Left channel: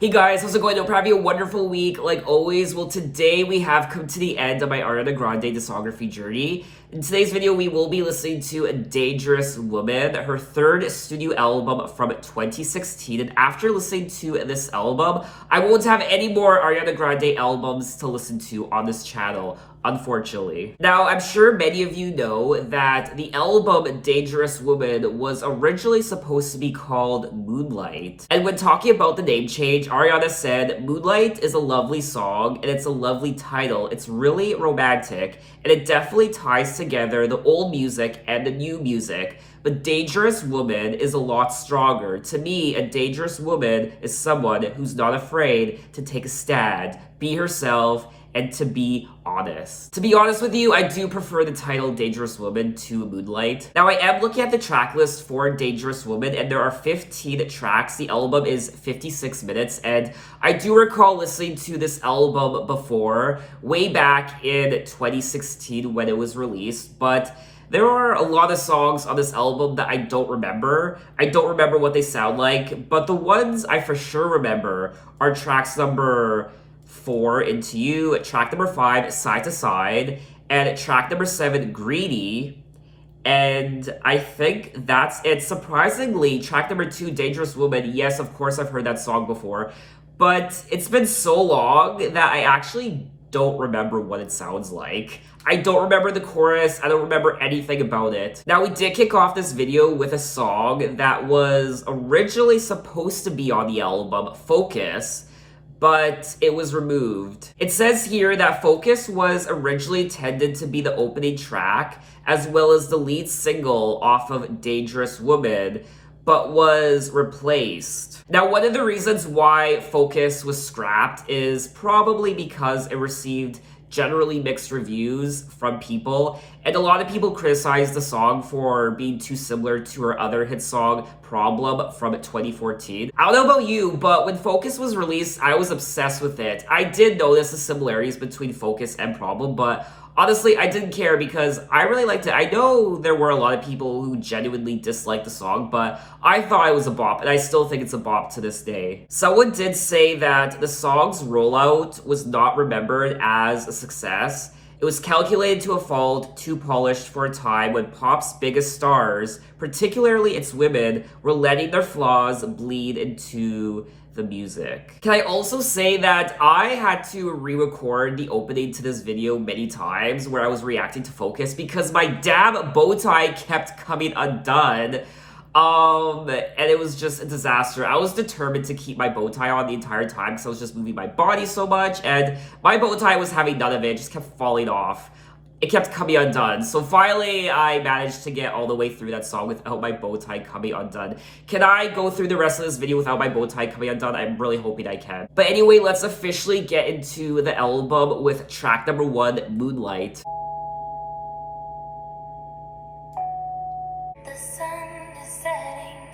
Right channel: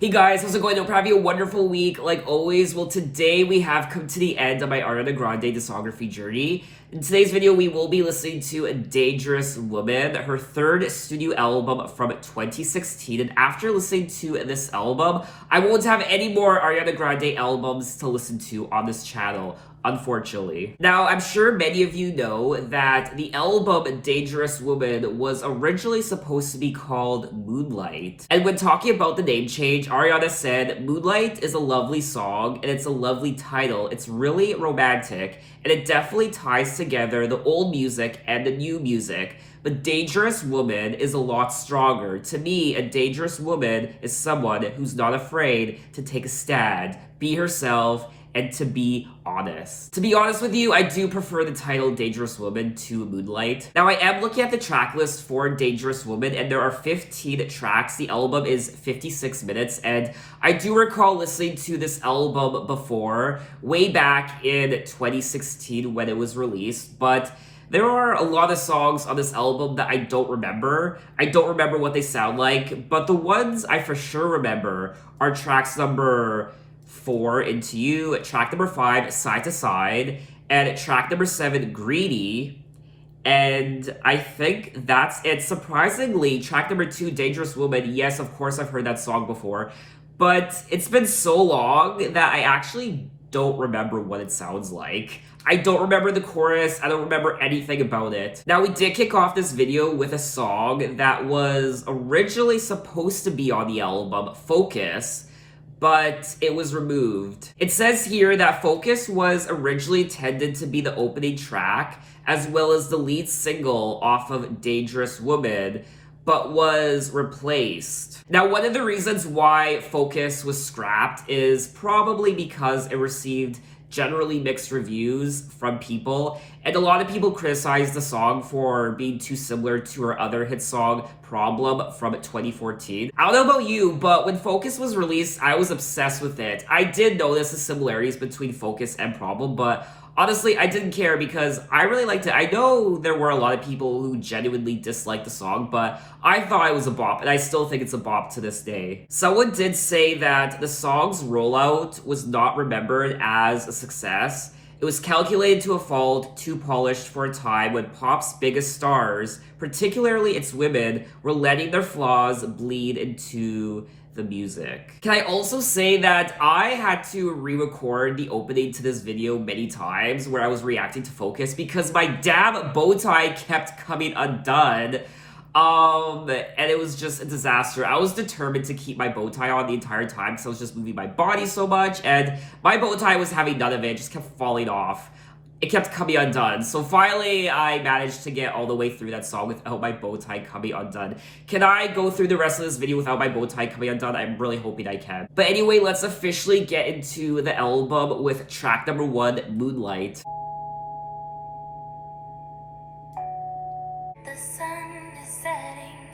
Hey guys, how's it going? Hope you're having a wonderful week like always. Well, today we have come to the end of my Ariana Grande discography journey. In today's video, we will be listening to A Dangerous Woman, her third studio album from 2016. And after listening to this album, I won't have any more Ariana Grande albums to listen to on this channel, unfortunately. Now, I'm sure many of you know that the album Dangerous Woman was originally supposed to be called Moonlight. And when talking about the name change, Ariana said, "Moonlight is a lovely song and it's a lovely title. It's really romantic and it definitely ties together the old music and the new music. But Dangerous Woman is a lot stronger. To me, a dangerous woman is someone who's not afraid to take a stand, be herself, and to be honest." To be honest with you, I do prefer the title Dangerous Woman to Moonlight. Now, I am looking at the track list for Dangerous Woman, and there are 15 tracks. The album is 56 minutes, and I do recall listening to this album before, way back in 2016 when it was released, but there are a lot of songs on this album that I don't remember. I don't remember what they sound like, but the ones I for sure remember are tracks number 4, Into You, track number 5, Side to Side, and track number 7, Greedy. And I think that's it. Surprisingly, track number 2, Dangerous Woman, yes, of course I've heard that song before, but it's been so long that I actually don't remember what it sounds like. I don't remember the chorus, I don't remember anything about it. Now, we did kick off this video with a song that was originally supposed to be on the album, Focus, but it was removed. It says here that Focus was originally intended to be the opening track, as well as the lead single off of Dangerous Woman, but was replaced. Now, one of the reasons why Focus was scrapped is probably because it received generally mixed reviews from people, and a lot of people criticized the song for being too similar to her other hit song, Problem, from 2014. I don't know about you, but when Focus was released, I was obsessed with it. I did notice the similarities between Focus and Problem, but honestly, I didn't care because I really liked it. I know there were a lot of people who genuinely disliked the song, but I thought it was a bop, and I still think it's a bop to this day. Someone did say that the song's rollout was not remembered as a success. It was calculated to a fault, too polished for a time when pop's biggest stars, particularly its women, were letting their flaws bleed into the music. Can I also say that I had to re-record the opening to this video many times where I was reacting to Focus because my damn bow tie kept coming undone. And it was just a disaster. I was determined to keep my bow tie on the entire time because I was just moving my body so much, and my bow tie was having none of it. It just kept falling off. It kept coming undone. So finally, I managed to get all the way through that song without my bow tie coming undone. Can I go through the rest of this video without my bow tie coming undone? I'm really hoping I can. But anyway, let's officially get into the album with track number 1, Moonlight. The sun is setting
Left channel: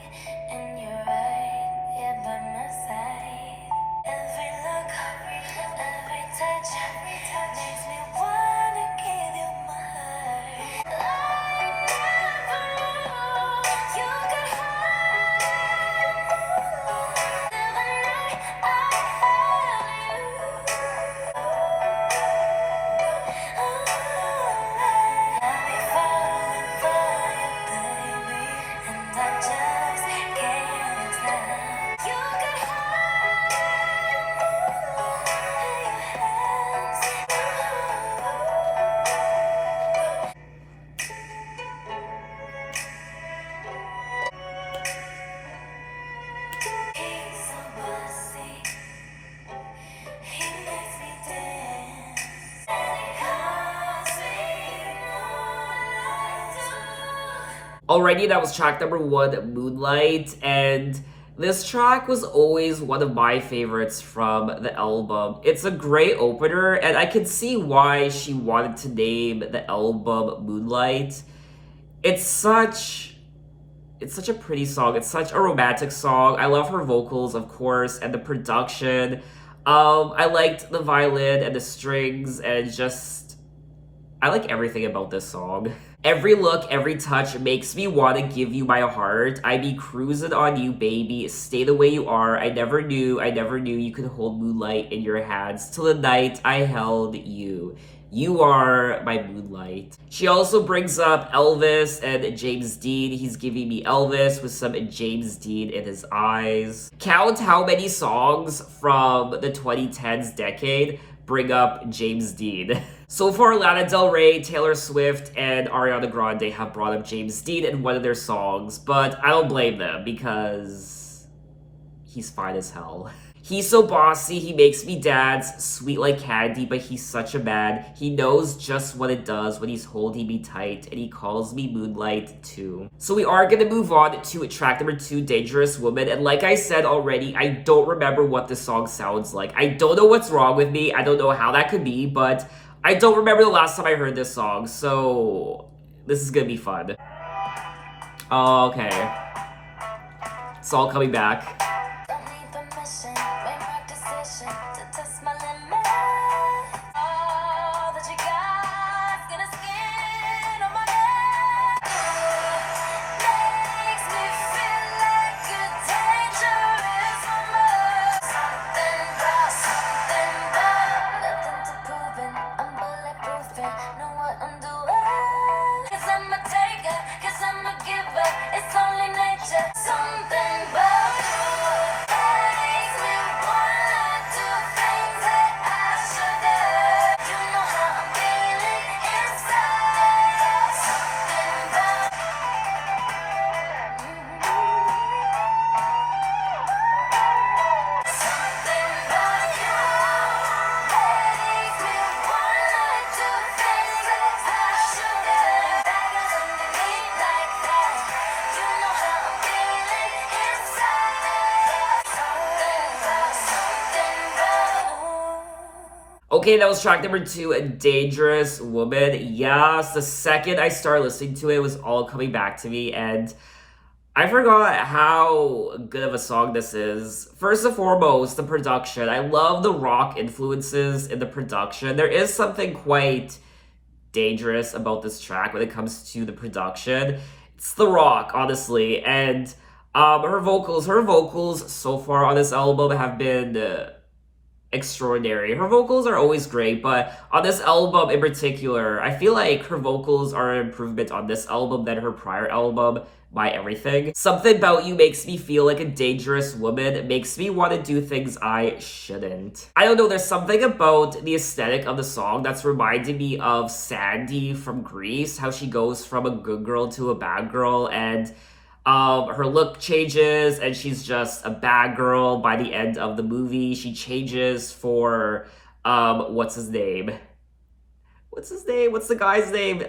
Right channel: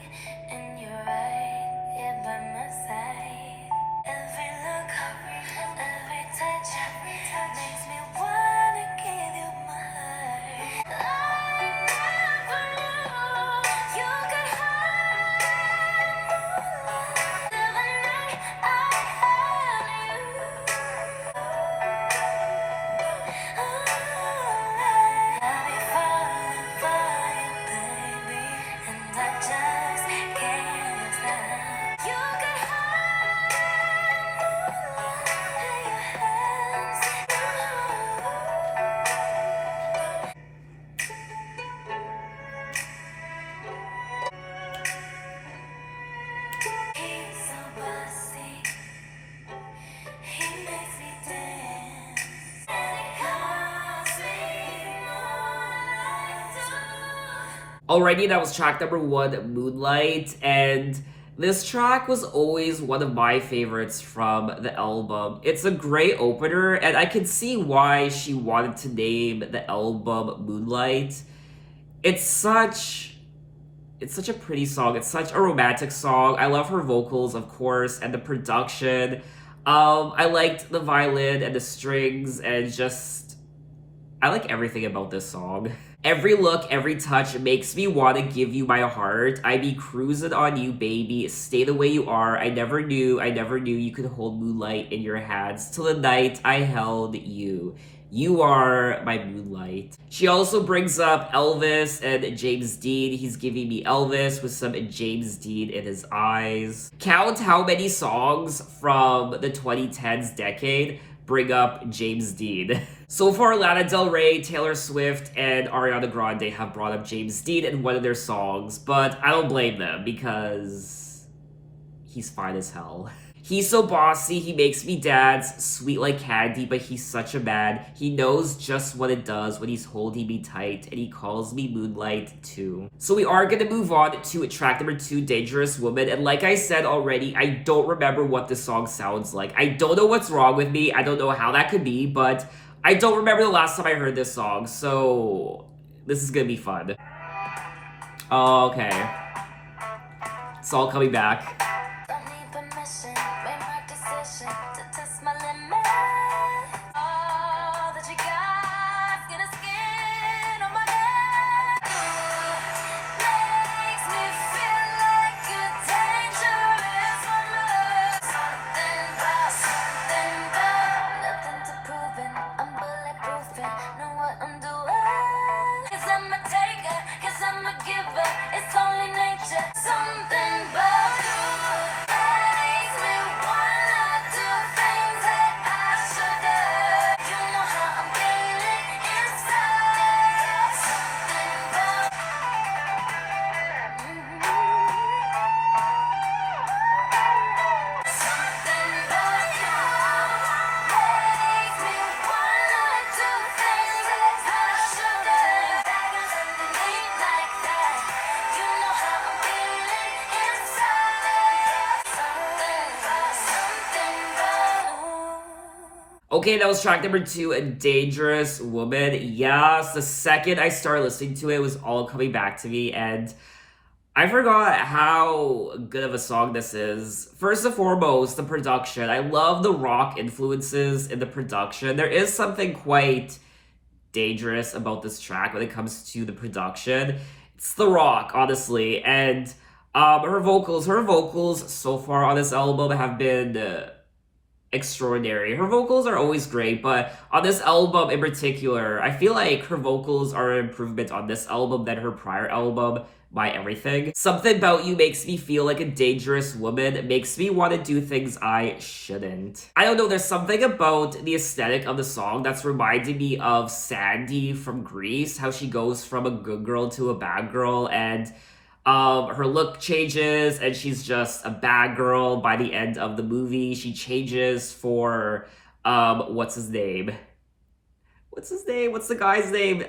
and you're right here by my side. Every look, every touch makes me wanna give you my heart. I never knew you could hide the night I held you. Already, that was track number 1, Moonlight, and this track was always one of my favorites from the album. It's a great opener, and I can see why she wanted to name the album Moonlight. It's such a pretty song. It's such a romantic song. I love her vocals, of course, and the production. I liked the violin and the strings, and just I like everything about this song. Every look, every touch makes me want to give you my heart. I be cruising on you, baby. Stay the way you are. I never knew you could hold moonlight in your hands till the night I held you. You are my moonlight. She also brings up Elvis and James Dean. He's giving me Elvis with some James Dean in his eyes. Count how many songs from the 2010s decade bring up James Dean. So far, Lana Del Rey, Taylor Swift, and Ariana Grande have brought up James Dean in one of their songs, but I don't blame them because he's fine as hell. He's so bossy, he makes me dance, sweet like candy, but he's such a man. He knows just what it does when he's holding me tight, and he calls me Moonlight too. So we are gonna move on to track number 2, Dangerous Woman, and like I said already, I don't remember what this song sounds like. I don't know what's wrong with me, I don't know how that could be, but I don't remember the last time I heard this song, so this is gonna be fun. Okay. It's all coming back. Don't need permission, made my decision to test my limit. All that you got, skin on my neck. Makes me feel like a dangerous woman. Something about, nothing to prove it. I'm bulletproofing, know what I'm doing. 'Cause I'm a taker, 'cause I'm a giver. It's only nature. Something about you makes me wanna do things that I shouldn't. You know how I'm feeling inside. Something about something about you makes me wanna do things that I shouldn't. Daggers underneath like that. You know how I'm feeling inside. Something about. Okay, that was track number 2, A Dangerous Woman. Yes, the second I started listening to it, it was all coming back to me, and I forgot how good of a song this is. First and foremost, the production. I love the rock influences in the production. There is something quite dangerous about this track when it comes to the production. It's the rock, honestly, and her vocals so far on this album have been extraordinary. Her vocals are always great, but on this album in particular, I feel like her vocals are an improvement on this album than her prior album, My Everything. Something About You makes me feel like a dangerous woman. It makes me want to do things I shouldn't. I don't know, there's something about the aesthetic of the song that's reminding me of Sandy from Grease, how she goes from a good girl to a bad girl, and her look changes and she's just a bad girl by the end of the movie. She changes for, what's his name? What's the guy's name?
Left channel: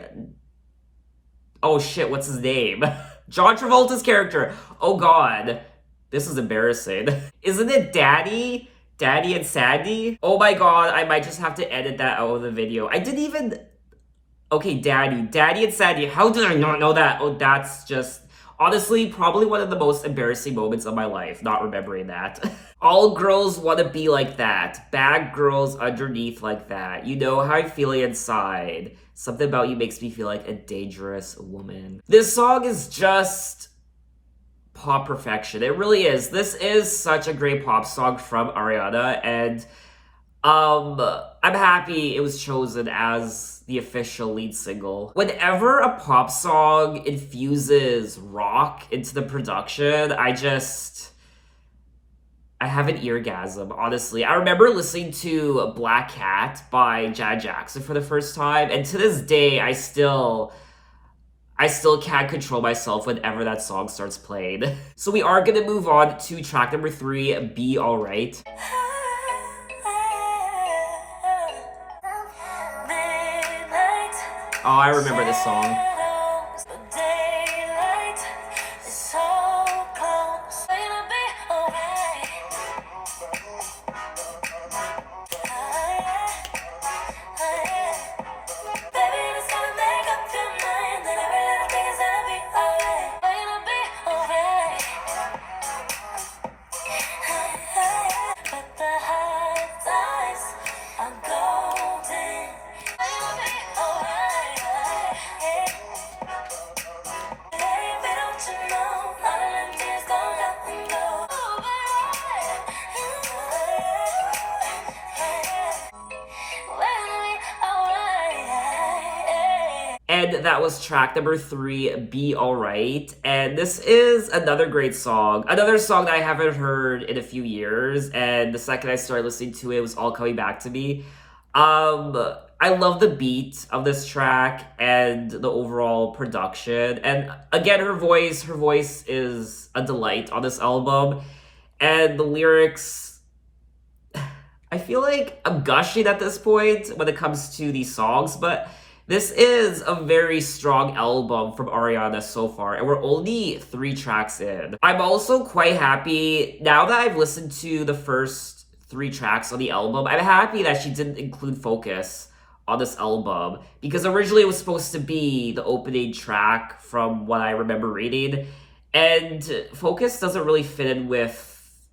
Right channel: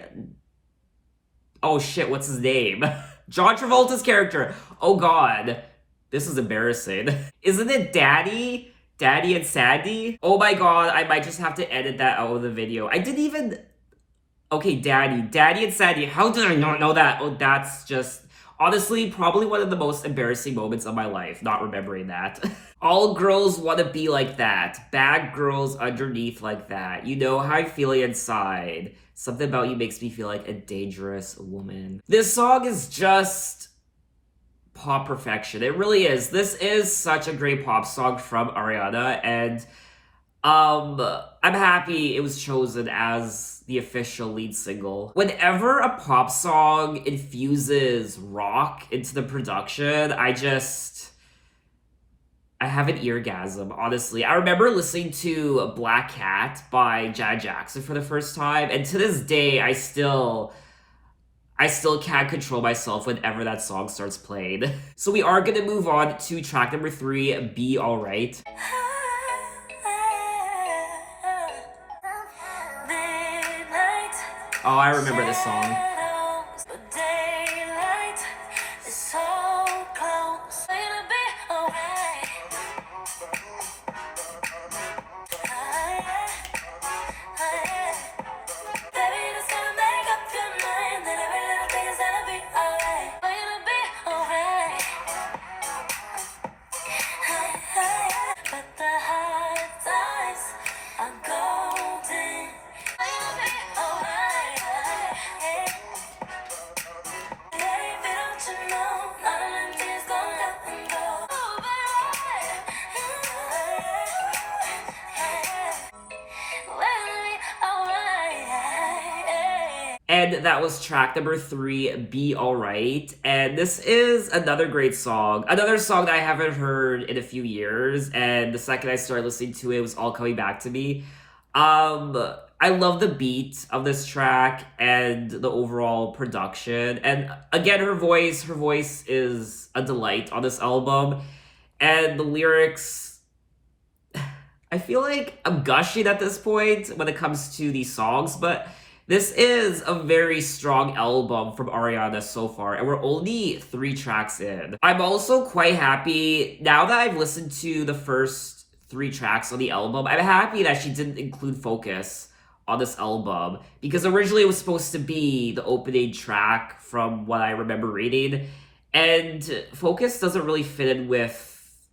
Oh shit, what's his name? John Travolta's character. Oh god. This is embarrassing. Isn't it Daddy? Daddy and Sandy? Oh my god, I might just have to edit that out of the video. I didn't even... Okay, Daddy and Sandy. How did I not know that? Oh, that's just... Honestly, probably one of the most embarrassing moments of my life, not remembering that. All girls want to be like that. Bad girls underneath like that. You know how I feel inside. Something About You makes me feel like a dangerous woman. This song is just pop perfection. It really is. This is such a great pop song from Ariana, and I'm happy it was chosen as the official lead single. Whenever a pop song infuses rock into the production, I have an eargasm, honestly. I remember listening to Black Cat by Janet Jackson for the first time, and to this day, I still can't control myself whenever that song starts playing. So we are gonna move on to track number 3, Be Alright. Midnight Oh, I remember this song. shadows, daylight And that was track number 3, Be Alright. And this is another great song. Another song that I haven't heard in a few years. And the second I started listening to it, it was all coming back to me. I love the beat of this track and the overall production. And again, her voice is a delight on this album. And the lyrics, I feel like I'm gushing at this point when it comes to these songs, but this is a very strong album from Ariana so far, and we're only 3 tracks in. I'm also quite happy, now that I've listened to the first 3 tracks on the album, I'm happy that she didn't include Focus on this album, because originally it was supposed to be the opening track from what I remember reading, and Focus doesn't really fit in with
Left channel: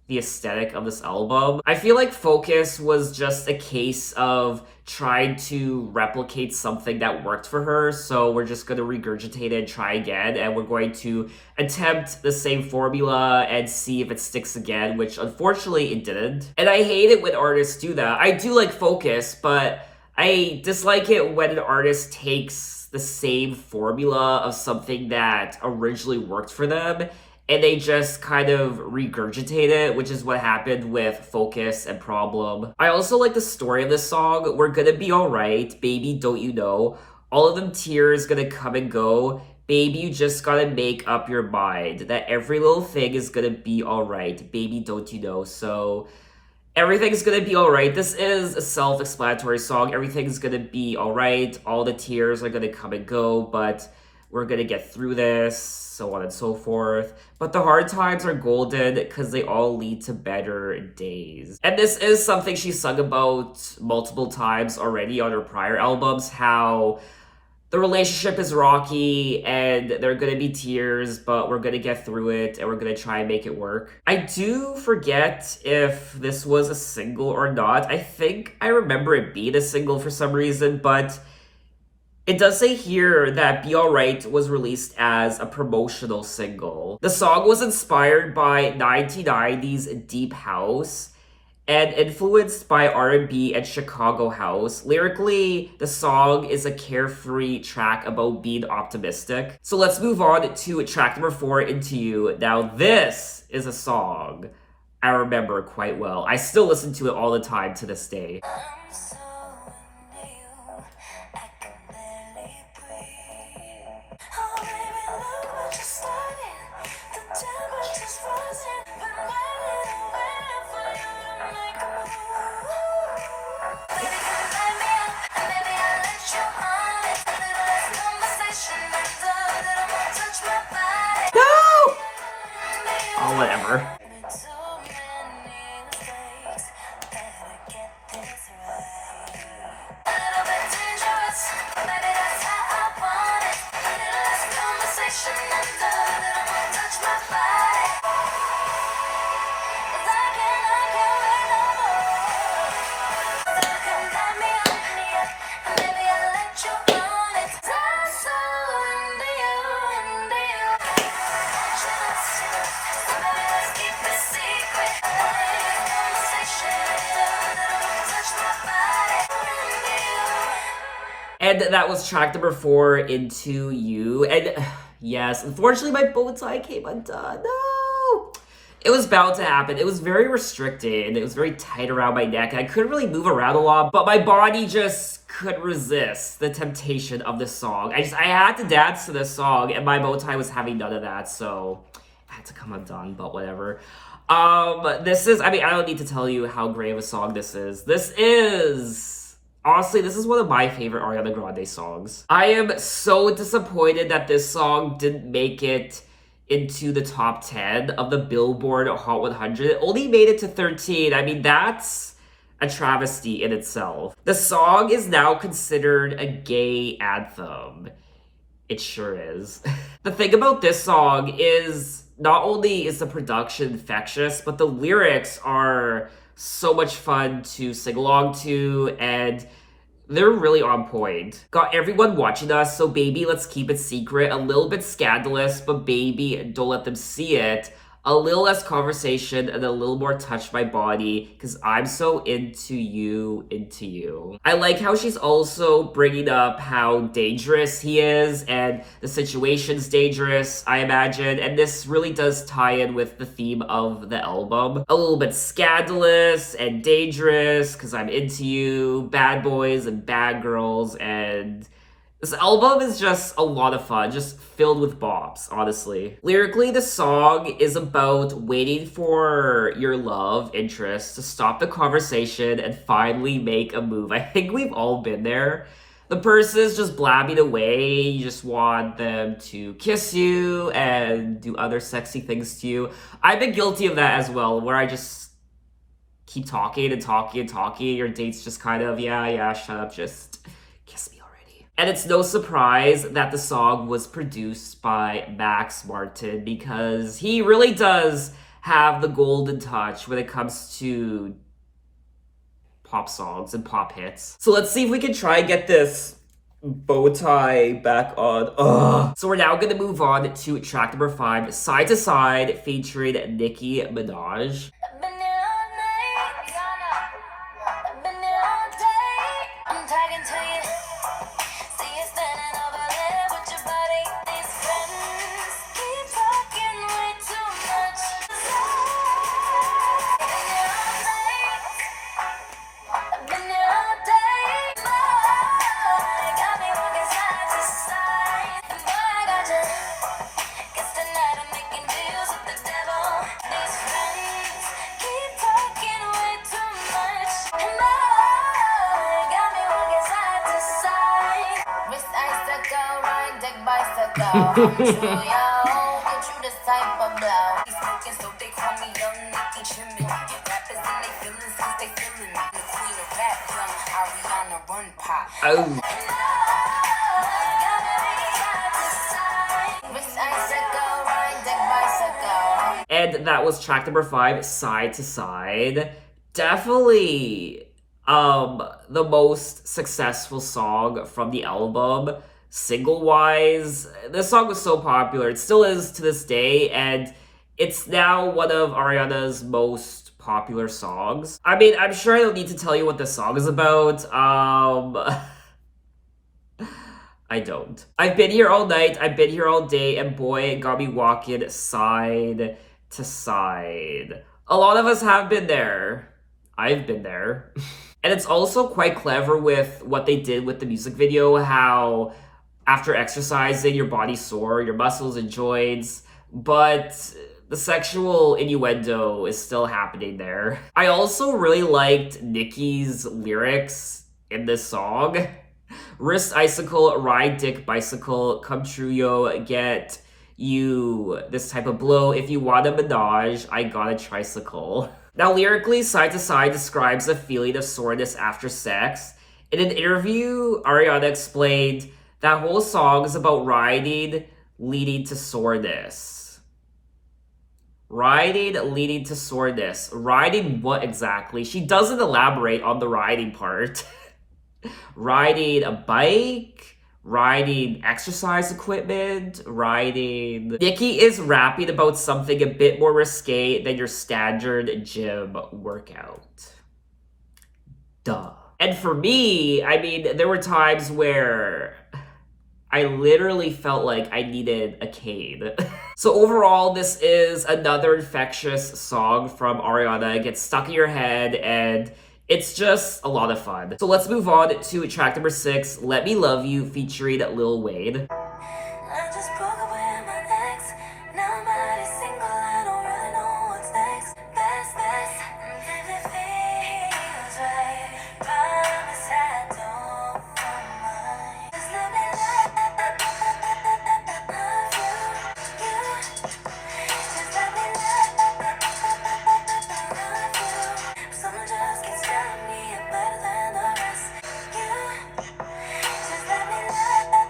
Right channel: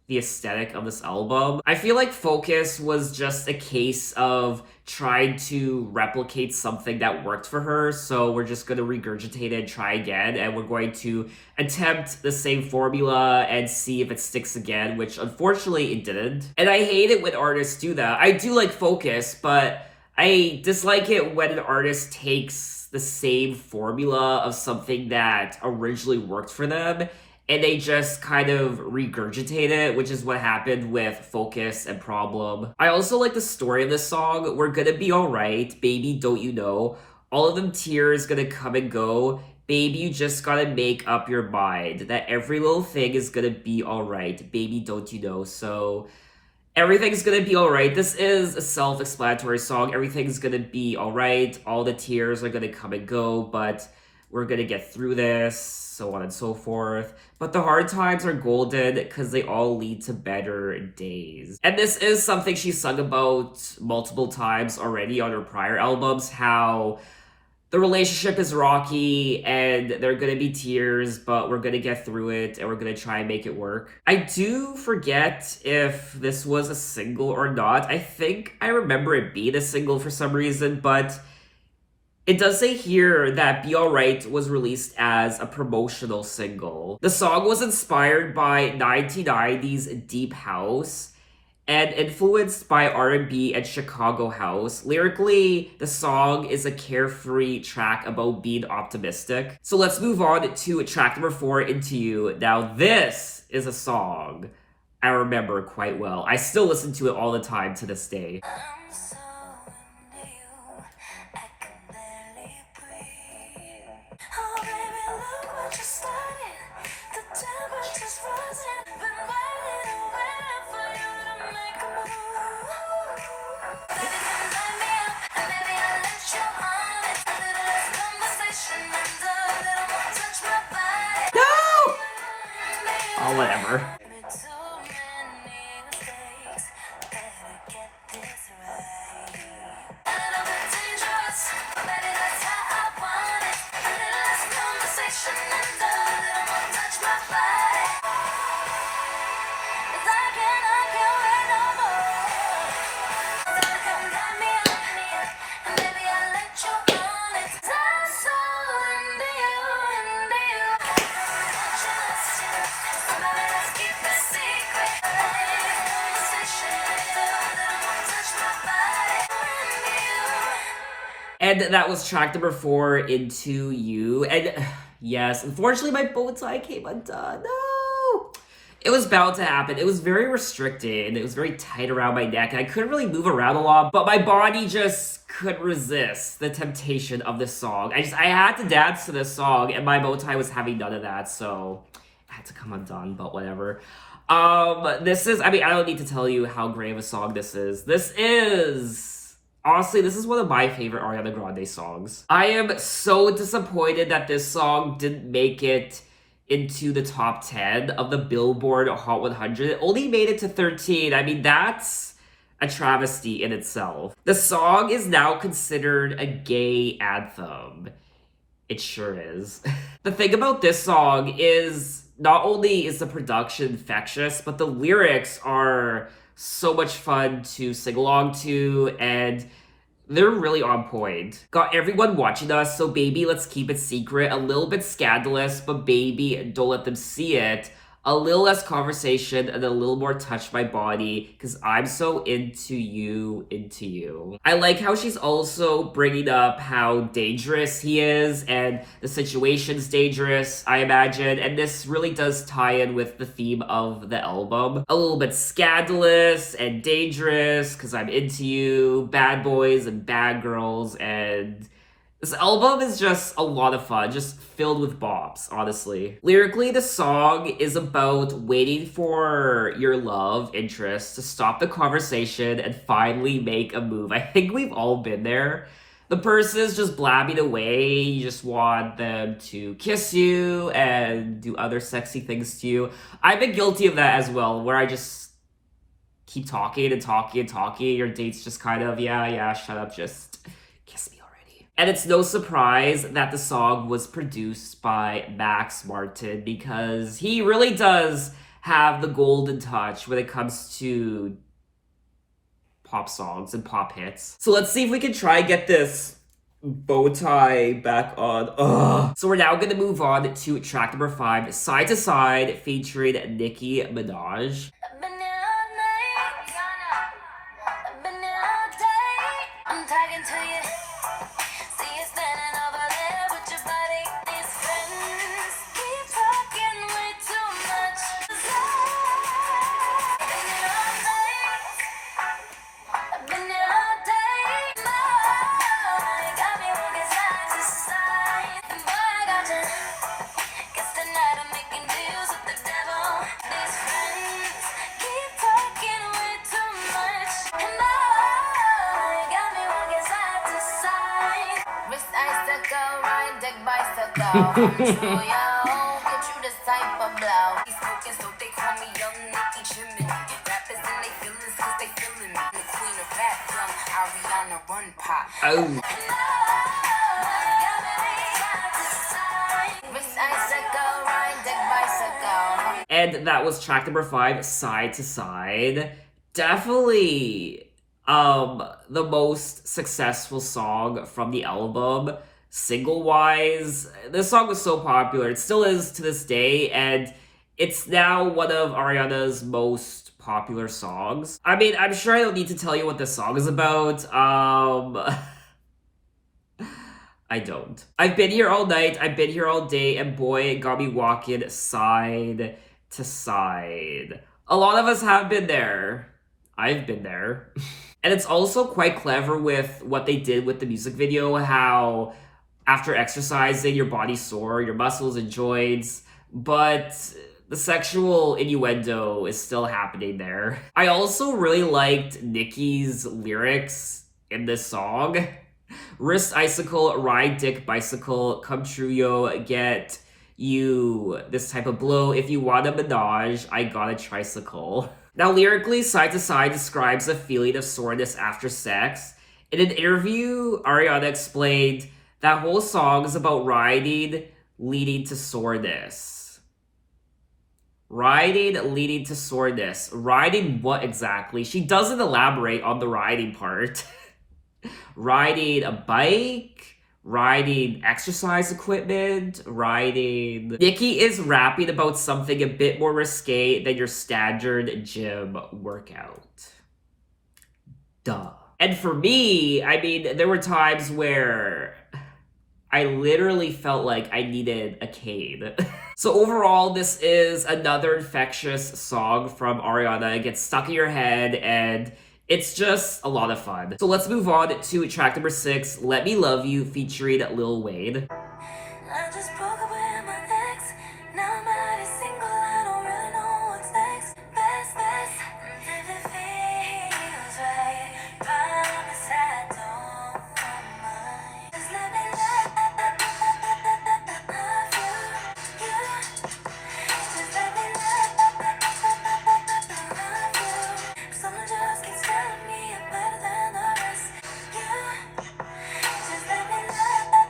the aesthetic of this album. I feel like Focus was just a case of trying to replicate something that worked for her, so we're just going to regurgitate it and try again, and we're going to attempt the same formula and see if it sticks again, which unfortunately it didn't. And I hate it when artists do that. I do like Focus, but I dislike it when an artist takes the same formula of something that originally worked for them and they just kind of regurgitate it, which is what happened with Focus and Problem. I also like the story of this song. We're gonna be alright, baby, don't you know? All of them tears gonna come and go. Baby, you just gotta make up your mind that every little thing is gonna be alright. Baby, don't you know? So everything's gonna be alright. This is a self-explanatory song. Everything's gonna be alright. All the tears are gonna come and go, but we're gonna get through this, so on and so forth. But the hard times are golden because they all lead to better days. And this is something she sung about multiple times already on her prior albums, how the relationship is rocky and there are gonna be tears, but we're gonna get through it and we're gonna try and make it work. I do forget if this was a single or not. I think I remember it being a single for some reason, but it does say here that Be Alright was released as a promotional single. The song was inspired by 1990s deep house and influenced by R&B and Chicago house. Lyrically, the song is a carefree track about being optimistic. So let's move on to track number 4, Into You. Now this is a song I remember quite well. I still listen to it all the time to this day. I'm so into you, I can barely breathe. Oh baby, look what you started. The temperature's rising. Been waiting and waiting for you to make a move. Baby, come light me up, and maybe I'll let you on it. A little less conversation and a little more touch my body. No! Baby, Oh, whatever. made too many mistakes. Better get this right. A little bit dangerous, but baby, that's how I want it. A little less conversation and a little more touch my body. 'Cause I can't wait no more. So come light me up, and maybe I'll let you on it. 'Cause I'm so into you, into you. Just, so baby, let's keep it secret. Conversation and a little more touch my body. Into you. And that was track number 4, Into You. And yes, unfortunately my bow tie came undone. No! It was bound to happen. It was very restricted. It was very tight around my neck. I couldn't really move around a lot, but my body just couldn't resist the temptation of this song. I had to dance to this song, and my bow tie was having none of that, so I had to come undone, but whatever. This is, I don't need to tell you how great of a song this is. Honestly, this is one of my favorite Ariana Grande songs. I am so disappointed that this song didn't make it into the top 10 of the Billboard Hot 100. It only made it to 13. That's a travesty in itself. The song is now considered a gay anthem. It sure is. The thing about this song is not only is the production infectious, but the lyrics are so much fun to sing along to, and they're really on point. Got everyone watching us, so baby, let's keep it secret. A little bit scandalous, but baby, don't let them see it. A little less conversation and a little more touch my body because I'm so into you, into you. I like how she's also bringing up how dangerous he is and the situation's dangerous, I imagine. And this really does tie in with the theme of the album. A little bit scandalous and dangerous because I'm into you, bad boys and bad girls, and this album is just a lot of fun, just filled with bops, honestly. Lyrically, the song is about waiting for your love interest to stop the conversation and finally make a move. I think we've all been there. The person's just blabbing away, you just want them to kiss you and do other sexy things to you. I've been guilty of that as well, where I just keep talking and talking and talking. Your date's just kind of, yeah, shut up, just kiss me. And it's no surprise that the song was produced by Max Martin because he really does have the golden touch when it comes to pop songs and pop hits. So let's see if we can try and get this bow tie back on. Ugh. So we're now going to move on to track number 5, Side to Side, featuring Nicki Minaj. I've been here all night, I've been here all day. I'm talking to you. See you standing over there with your body. These friends keep talking way too much. I've been here all night, I've been here all day. Boy, got me walking side to side. And boy, I got you. Guess tonight I'm making deals with the devil. These friends keep talking way too much. And boy, got me walking side to side. Wrist icicle, ride deck bicycle. I'm true, yo. Get you this type of blow. He's smoking, so they call me Young Nicki Chimney. Rappers and they feelings, cause they feeling me. The queen of rap, young Ariana Run Pop. Oh. And that was track number 5, Side to Side. Definitely the most successful song from the album. Single-wise, this song was so popular. It still is to this day, and it's now one of Ariana's most popular songs. I mean, I'm sure I don't need to tell you what this song is about. I don't. I've been here all night, I've been here all day, and boy, it got me walking side to side. A lot of us have been there. I've been there. And it's also quite clever with what they did with the music video, how after exercising, your body's sore, your muscles and joints, but the sexual innuendo is still happening there. I also really liked Nicki's lyrics in this song. Wrist icicle, ride dick bicycle, come true yo, get you this type of blow. If you want a menage, I got a tricycle. Now lyrically, Side to Side describes a feeling of soreness after sex. In an interview, Ariana explained that whole song is about riding leading to soreness. Riding leading to soreness. Riding what exactly? She doesn't elaborate on the riding part. Riding a bike, riding exercise equipment, riding... Nicki is rapping about something a bit more risque than your standard gym workout. Duh. And for me, I mean, there were times where I literally felt like I needed a cane. So overall, this is another infectious song from Ariana. It gets stuck in your head and it's just a lot of fun. So let's move on to track number 6, Let Me Love You, featuring Lil Wayne. I just broke up with my ex. Now I'm out of single. I don't really know what's next. Best. If it feels right, promise I don't mind. Just let me love you. Just let me love you. Someone just keeps telling me I'm better than the rest. Just let me love you.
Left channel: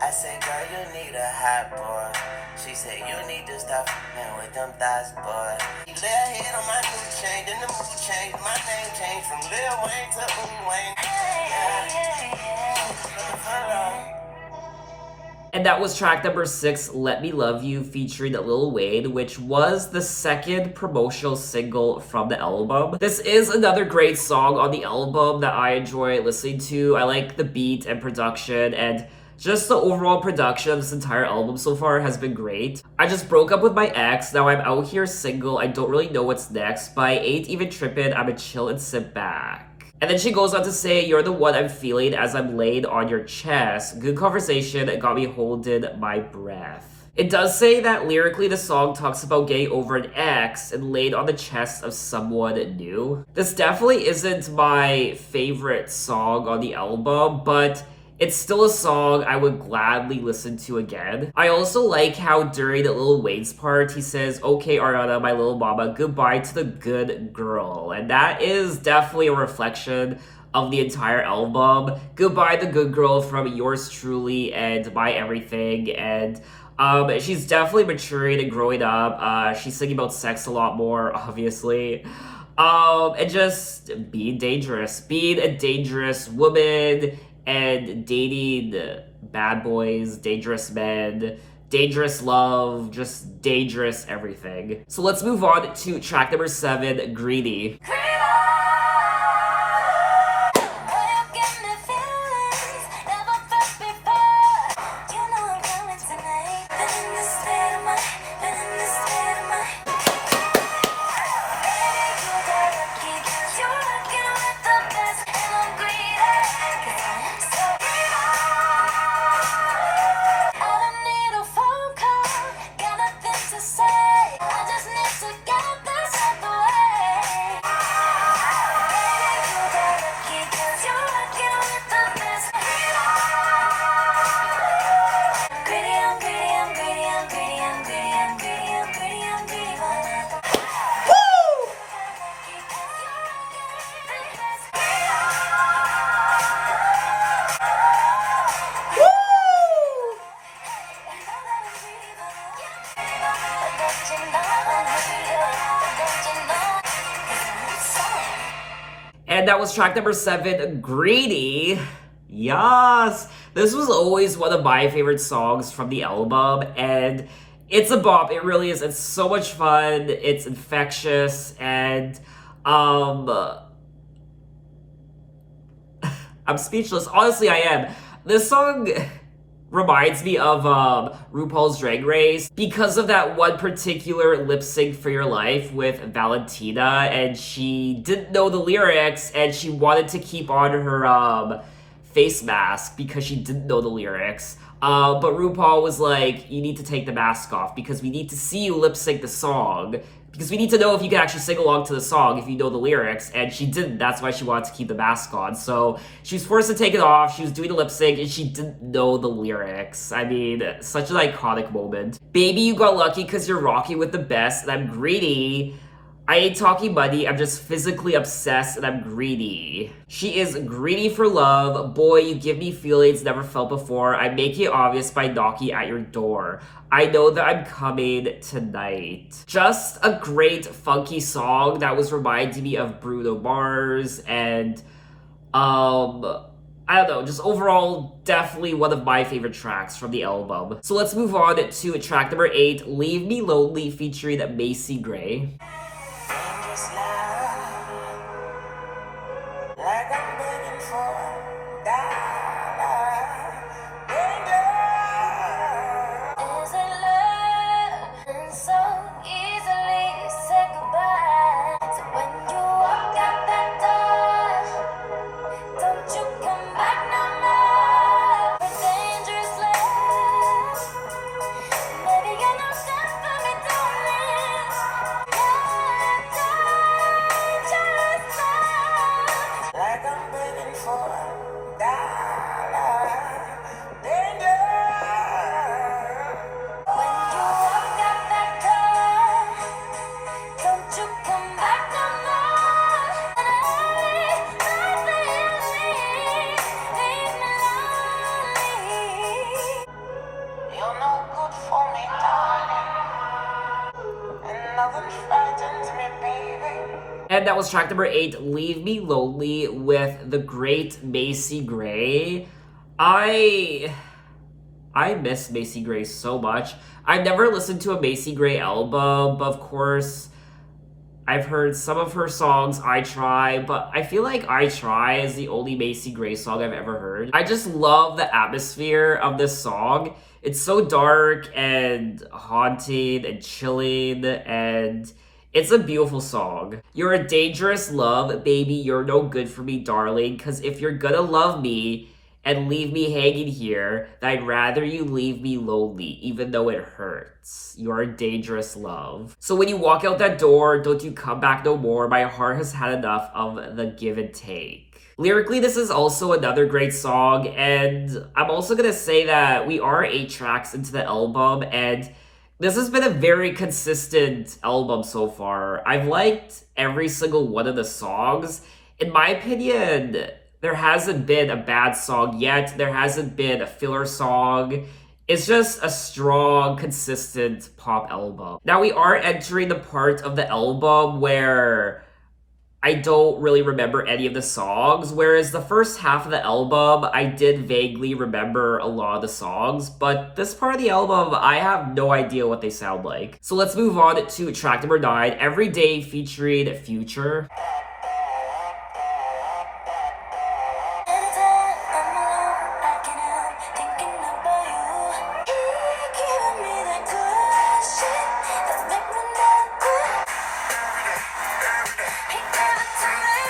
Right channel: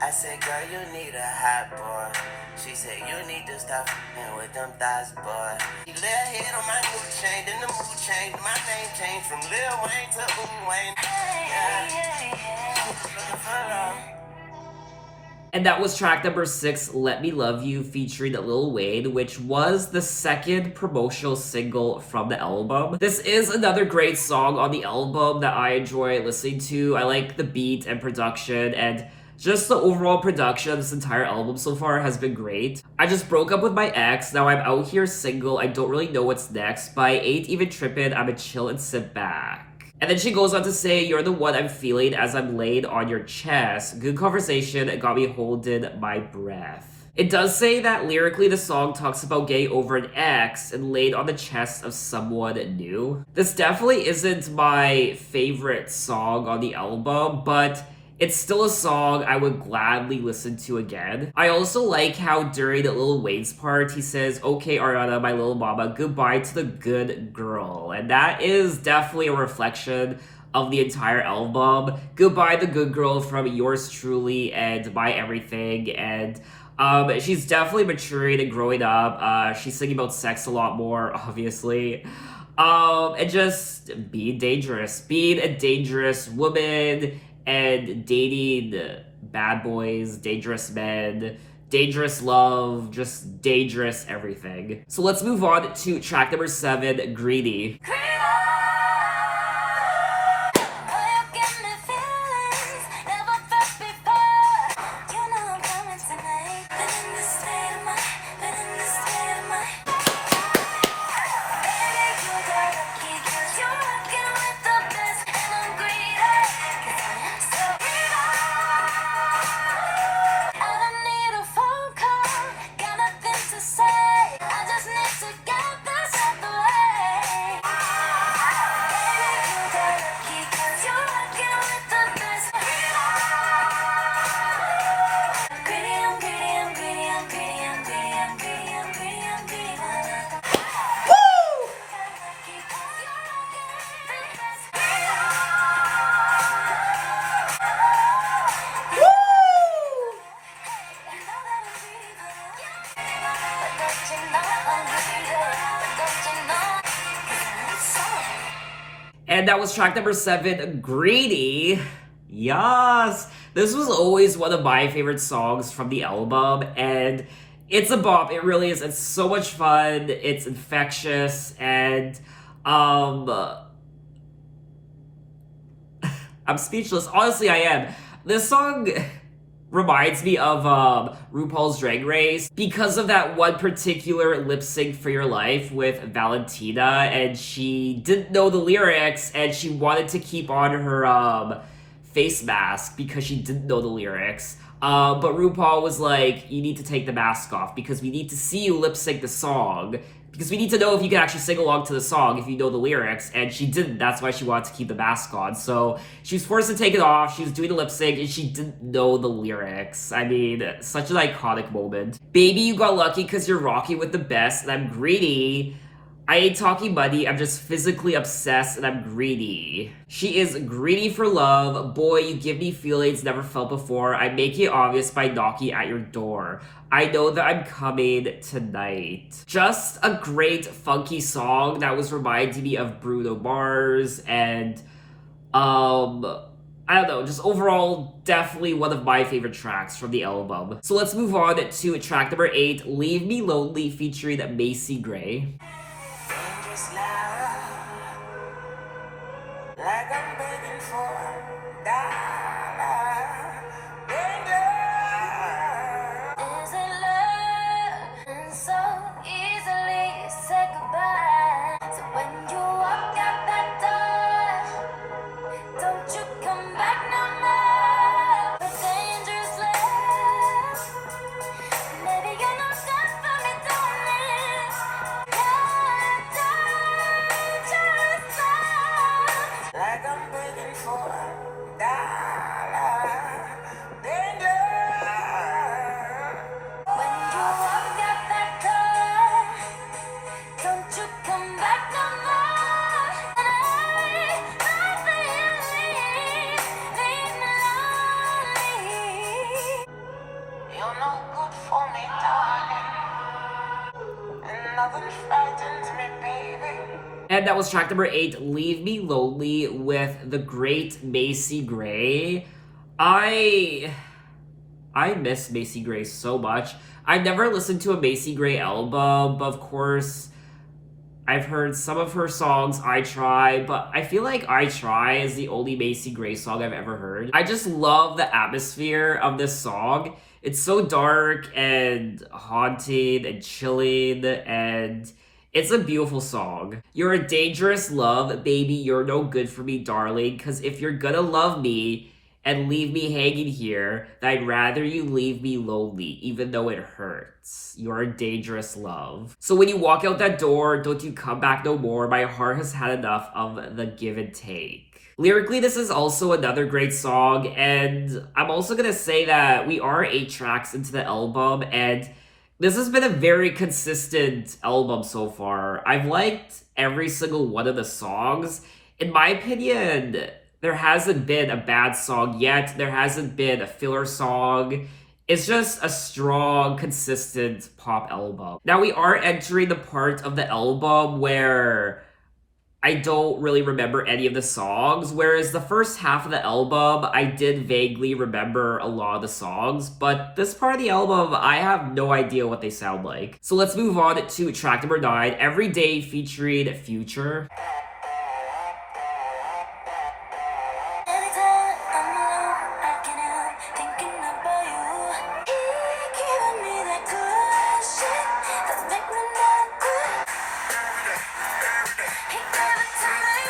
I said, girl, you need a hot boy. She said, you need to stop f***ing with them thighs, boy. You lay a head on my new chain, then the mood changed. My name changed from Lil Wayne to Wayne. Hey. Looking for love. And that was track number 6, Let Me Love You, featuring Lil Wayne, which was the second promotional single from the album. This is another great song on the album that I enjoy listening to. I like the beat and production, and just the overall production of this entire album so far has been great. I just broke up with my ex, now I'm out here single, I don't really know what's next, but I ain't even trippin', I'ma chill and sit back. And then she goes on to say, you're the one I'm feeling as I'm laid on your chest. Good conversation, it got me holding my breath. It does say that lyrically the song talks about getting over an ex and laid on the chest of someone new. This definitely isn't my favorite song on the album, but it's still a song I would gladly listen to again. I also like how during Lil Wayne's part, he says, okay, Ariana, my little mama, goodbye to the good girl. And that is definitely a reflection of the entire album. Goodbye, the good girl from yours truly and my everything. And she's definitely maturing and growing up. She's singing about sex a lot more, obviously. And just being dangerous. Being a dangerous woman and dating bad boys, dangerous men, dangerous love, just dangerous everything. So let's move on to track number 7, Greedy. And that was track number 7, Greedy. Yes! This was always one of my favorite songs from the album, and it's a bop. It really is. It's so much fun. It's infectious, and I'm speechless. Honestly, I am. This song reminds me of RuPaul's Drag Race because of that one particular lip sync for your life with Valentina, and she didn't know the lyrics and she wanted to keep on her face mask because she didn't know the lyrics. But RuPaul was like, you need to take the mask off because we need to see you lip sync the song. Because we need to know if you can actually sing along to the song if you know the lyrics, and she didn't. That's why she wanted to keep the mask on. So she was forced to take it off. She was doing the lip sync, and she didn't know the lyrics. I mean, such an iconic moment. Baby, you got lucky because you're rocking with the best, and I'm greedy. I ain't talking money, I'm just physically obsessed, and I'm greedy. She is greedy for love. Boy, you give me feelings never felt before. I make it obvious by knocking at your door. I know that I'm coming tonight. Just a great funky song that was reminding me of Bruno Mars, and I don't know, just overall definitely one of my favorite tracks from the album. So let's move on to track number 8, Leave Me Lonely, featuring Macy Gray. Dangerous love, like I'm begging for a dollar. Is it love? And so easily say goodbye. So when you walk out that door, don't you come back no more. A dangerous love. Maybe you're not done for me doing this. Dangerous love. Like I'm begging for a dollar. When you walk out that door, don't you come back no more. Leave me lonely. You're no good for me, darling. And nothing frightens me, baby. And that was track number 8, Leave Me Lonely, with the great Macy Gray. I I miss Macy Gray so much. I've never listened to a Macy Gray album, but of course, I've heard some of her songs, I Try, but I feel like I Try is the only Macy Gray song I've ever heard. I just love the atmosphere of this song. It's so dark and haunting and chilling, and it's a beautiful song. You're a dangerous love, baby, you're no good for me, darling, because if you're gonna love me, and leave me hanging here, then I'd rather you leave me lonely, even though it hurts. You're a dangerous love. So when you walk out that door, don't you come back no more. My heart has had enough of the give and take. Lyrically, this is also another great song, and I'm also gonna say that we are 8 tracks into the album, and this has been a very consistent album so far. I've liked every single one of the songs. In my opinion, there hasn't been a bad song yet. There hasn't been a filler song. It's just a strong, consistent pop album. Now we are entering the part of the album where I don't really remember any of the songs, whereas the first half of the album, I did vaguely remember a lot of the songs, but this part of the album, I have no idea what they sound like. So let's move on to track number 9, Every Day featuring Future. Anytime I'm alone, I can't help thinking about you. You're giving me that good shit that make me not quit. He gave it to me.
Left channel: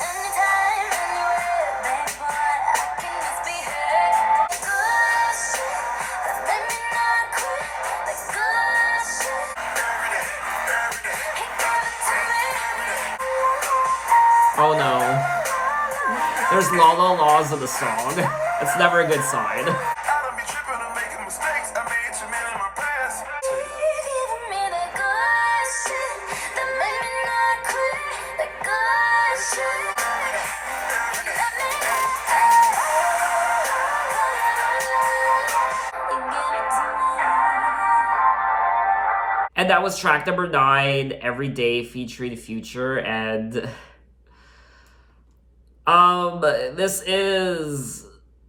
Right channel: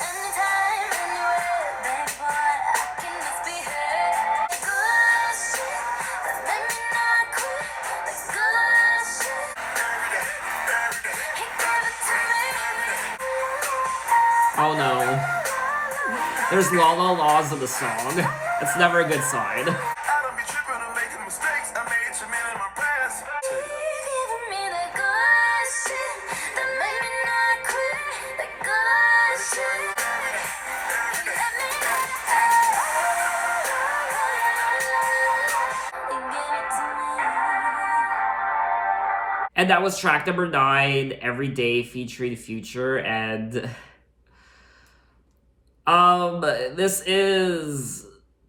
Anytime, anywhere, baby boy, I can just be her. Good shit that make me not quit. That good shit. He gave it to me. Oh no. There's la la laws of the song. It's never a good sign. I don't be tripping or making mistakes. I made too many in my past. Giving me that good shit that made me not quit. That good shit. Let me know. You give it to me. And that was track number 9, Every Day featuring Future, and this is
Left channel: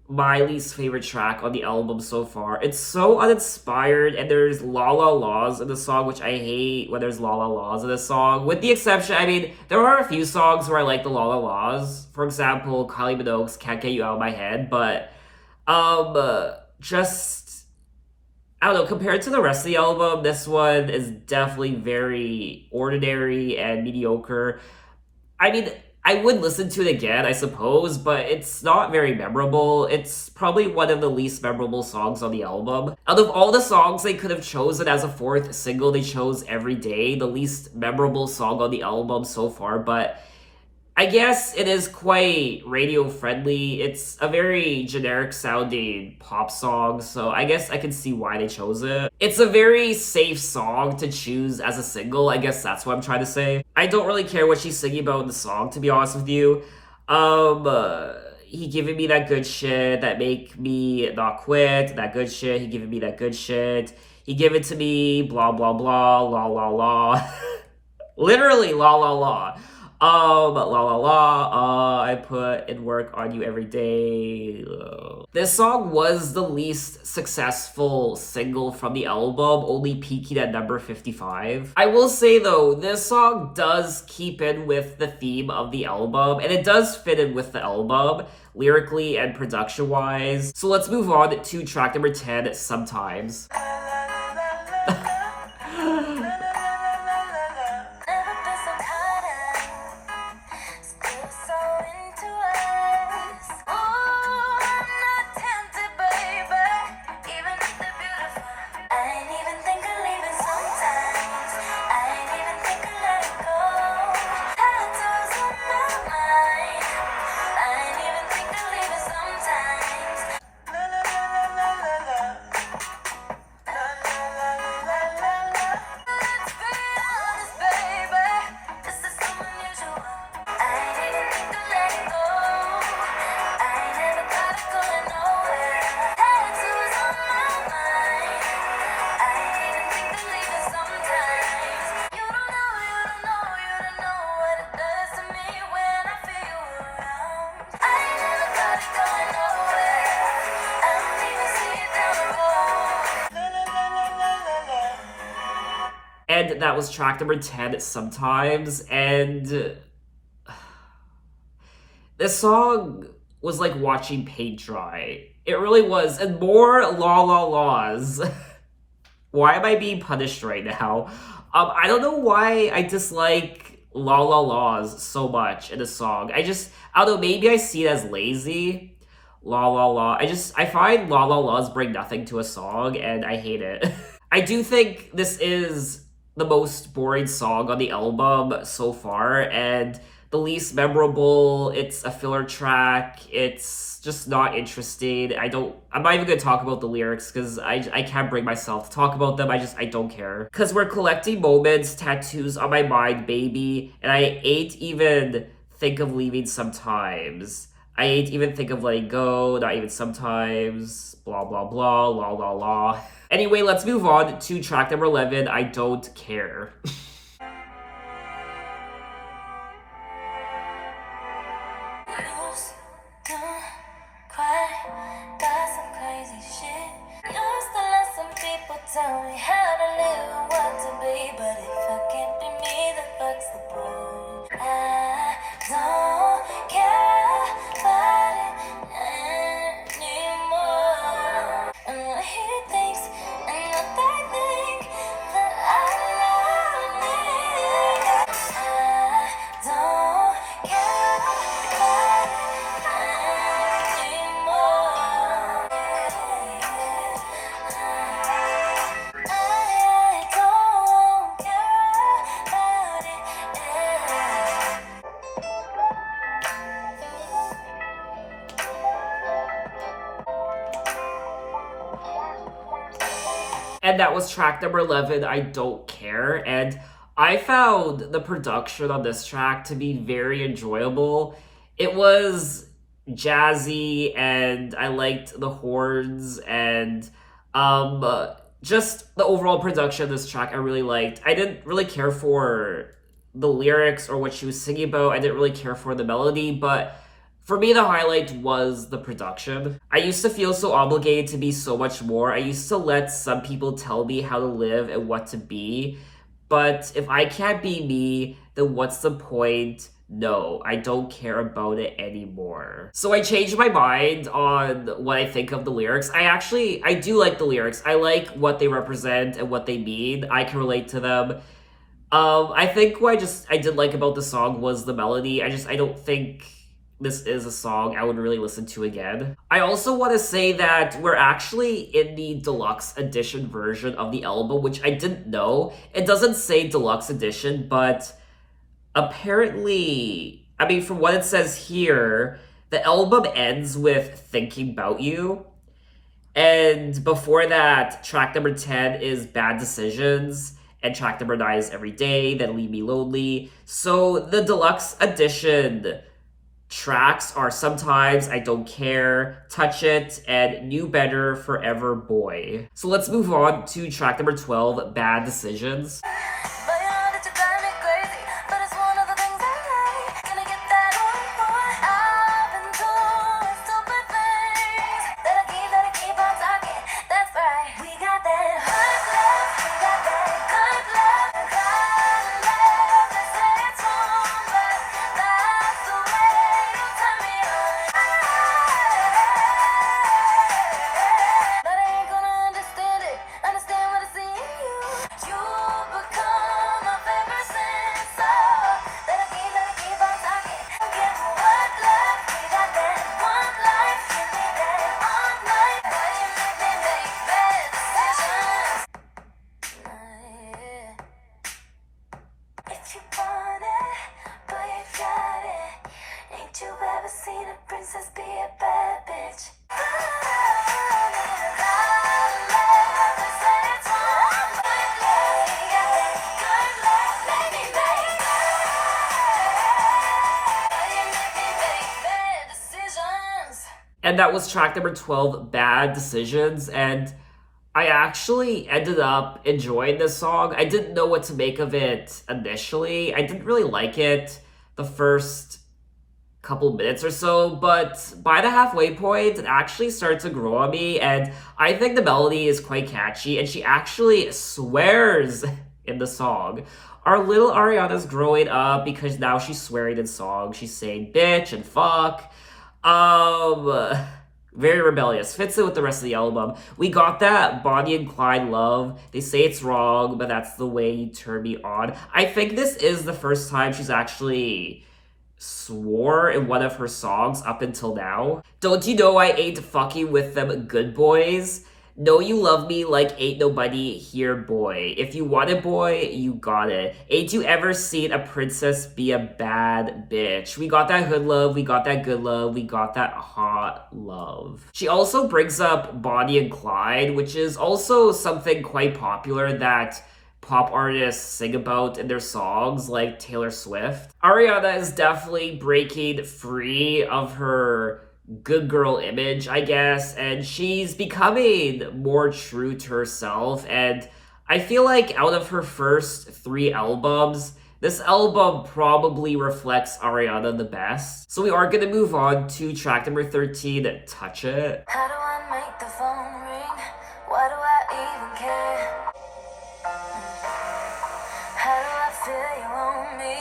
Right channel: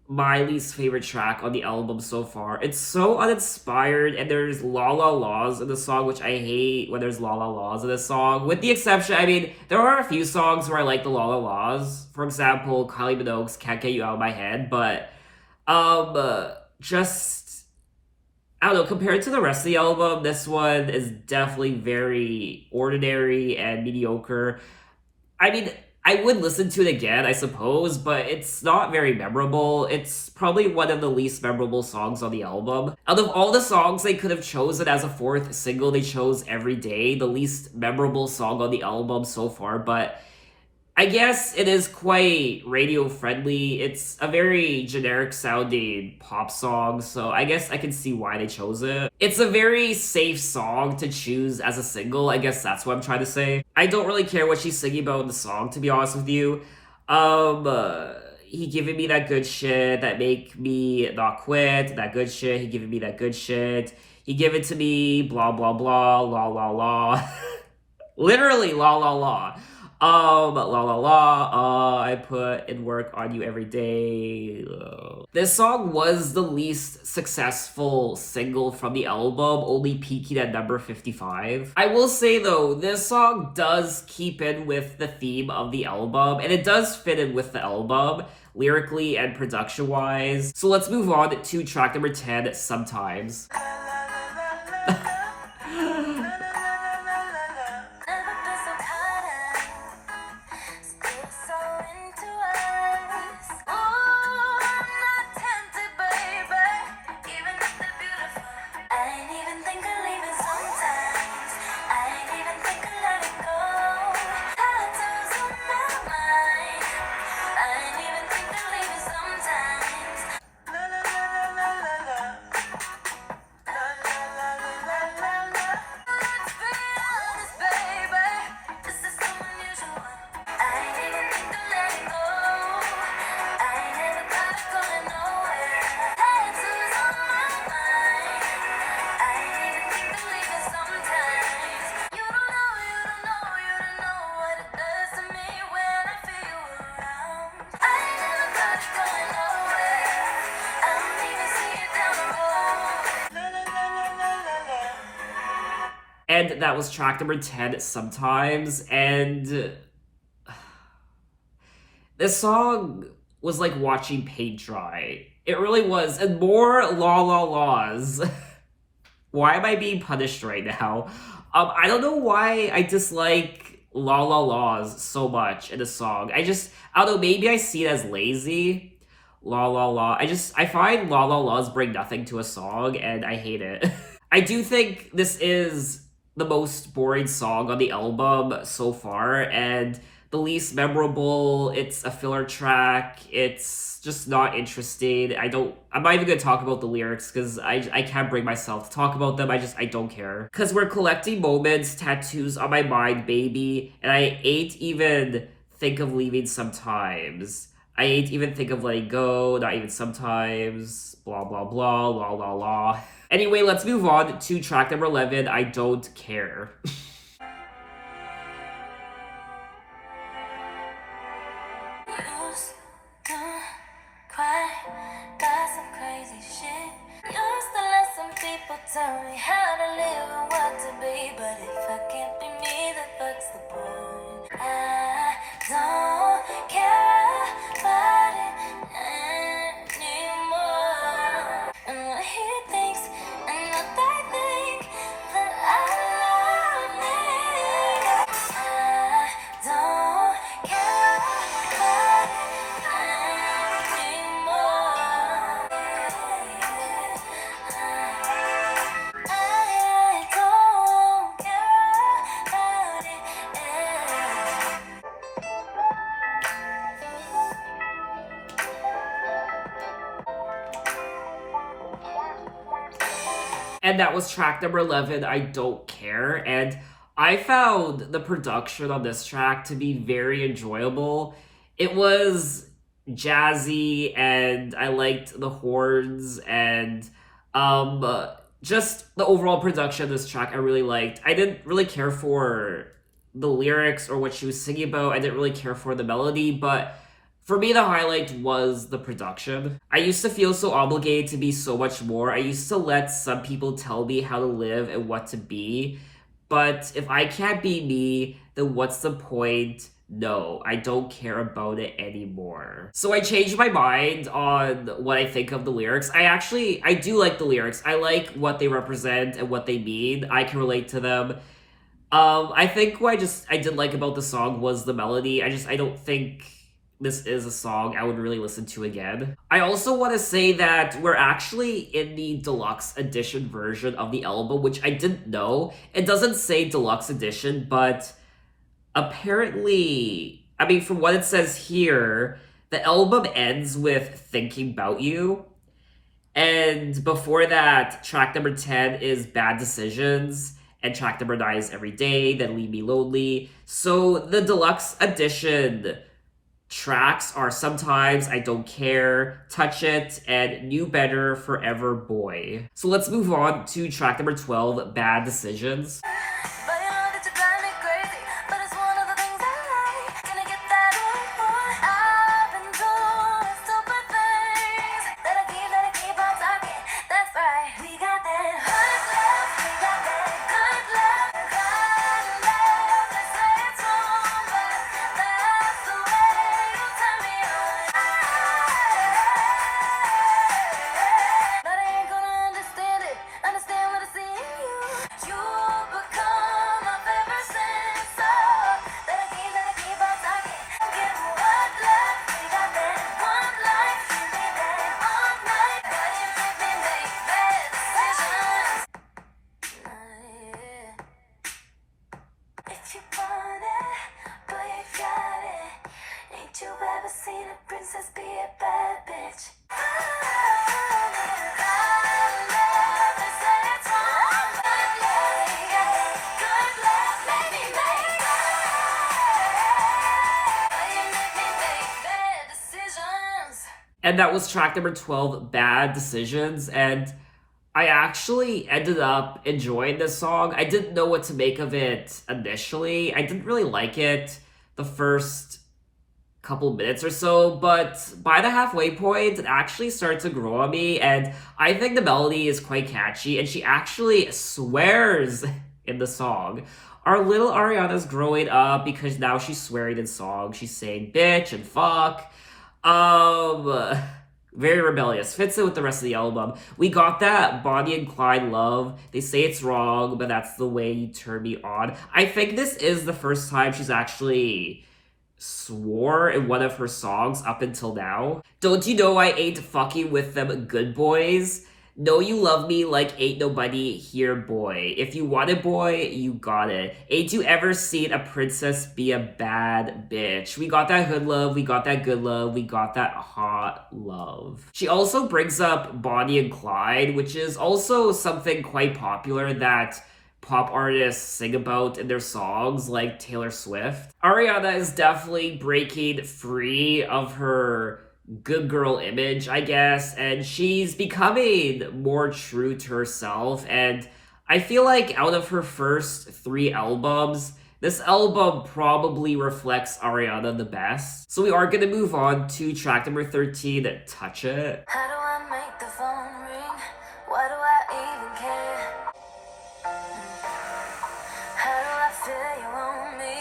my least favorite track on the album so far. It's so uninspired, and there's la la laws in the song, which I hate when there's la la laws in the song. With the exception, I mean, there are a few songs where I like the la la laws. For example, Kylie Minogue's Can't Get You Out of My Head, but just I don't know, compared to the rest of the album, this one is definitely very ordinary and mediocre. I mean, I would listen to it again, I suppose, but it's not very memorable. It's probably one of the least memorable songs on the album. Out of all the songs they could have chosen as a 4th single, they chose Every Day, the least memorable song on the album so far, but I guess it is quite radio friendly. It's a very generic sounding pop song, so I guess I can see why they chose it. It's a very safe song to choose as a single. I guess that's what I'm trying to say. I don't really care what she's singing about in the song, to be honest with you. He giving me that good shit that make me not quit. That good shit. He giving me that good shit. He give it to me. Blah blah blah. La la la. Literally la la la. La la la, I put in work on you every day. This song was the least successful single from the album, only peaking at number 55. I will say though, this song does keep in with the theme of the album, and it does fit in with the album, lyrically and production wise. So let's move on to track number 10, Sometimes. Never been so caught up, still so into us. Ooh, I'm not tempted, baby, even if they're beautiful. I ain't even think of leaving sometimes. I ain't even think of letting go. Tattoos on my mind. I ain't even think of leaving sometimes. La la la la la la. La la la la la la. that was track number 10, Sometimes, and this song was like watching paint dry. It really was. And more la la laws. Why am I being punished right now? I don't know why I dislike la la laws so much in a song. I don't know, maybe I see it as lazy. La la la. I find la la laws bring nothing to a song and I hate it. I do think this is the most boring song on the album so far and the least memorable. It's a filler track. It's just not interesting. I'm not even gonna talk about the lyrics because I can't bring myself to talk about them. I don't care. Cause we're collecting moments, tattoos on my mind, baby, and I ain't even think of leaving sometimes. I ain't even think of letting go, not even sometimes, blah blah blah, la la la. Anyway, let's move on to track number 11, I Don't Care. Used to cry, got some crazy shit. Used to let some people tell me how to live and what to be. But if I can't be me, then fuck's the point. I don't care about it anymore. And what he thinks and what they think that I love me. I don't care about it anymore. I don't care about it. And that was track number 11, I Don't Care. And I found the production on this track to be very enjoyable. It was jazzy and I liked the horns and just the overall production of this track I really liked. I didn't really care for the lyrics or what she was singing about. I didn't really care for the melody, but for me, the highlight was the production. I used to feel so obligated to be so much more. I used to let some people tell me how to live and what to be. But if I can't be me, then what's the point? No, I don't care about it anymore. So I changed my mind on what I think of the lyrics. I do like the lyrics. I like what they represent and what they mean. I can relate to them. I think what I did like about the song was the melody. I don't think this is a song I would really listen to again. I also want to say that we're actually in the deluxe edition version of the album, which I didn't know. It doesn't say deluxe edition, but apparently, I mean, from what it says here, the album ends with Thinking About You. And before that, track number 10 is Bad Decisions. And track number 9 is Every Day, then Leave Me Lonely. So the deluxe edition tracks are Sometimes, I Don't Care, Touch It, and Knew Better, Forever Boy. So let's move on to track number 12, Bad Decisions. But you know that you drive me crazy. But it's one of the things I like. Gonna get that one more. I've been doing stupid things that I keep on talking. That's right. We got that hot love. We got that good love. Good love. They say it's wrong, but that's the way you turn me on. But I ain't gonna understand it. Understand what I see in you. You become my favorite sin. So that I keep on talking. Get what love. We got that one life. You need that all night. But you make me make bad decisions. If you want it, boy, you got it. Ain't you ever seen a princess be a bad bitch? And that was track number 12, Bad Decisions. And I actually ended up enjoying this song. I didn't know what to make of it initially. I didn't really like it the first couple minutes or so, but by the halfway point, it actually started to grow on me, and I think the melody is quite catchy, and she actually swears in the song. Our little Ariana's growing up because now she's swearing in songs. She's saying bitch and fuck. Very rebellious. Fits in with the rest of the album. We got that Bonnie and Clyde love. They say it's wrong, but that's the way you turn me on. I think this is the first time she's actually swore in one of her songs up until now. Don't you know I ain't fucking with them good boys? Know you love me like ain't nobody here, boy. If you want it, boy, you got it. Ain't you ever seen a princess be a bad bitch? We got that hood love, we got that good love, we got that hot love. She also brings up Bonnie and Clyde, which is also something quite popular that pop artists sing about in their songs, like Taylor Swift. Ariana is definitely breaking free of her good girl image, I guess, and she's becoming more true to herself. And I feel like out of her first 3 albums, this album probably reflects Ariana the best. So we are gonna move on to track number 13, Touch It. How do I make the phone ring? Why do I even care? How do I feel you on me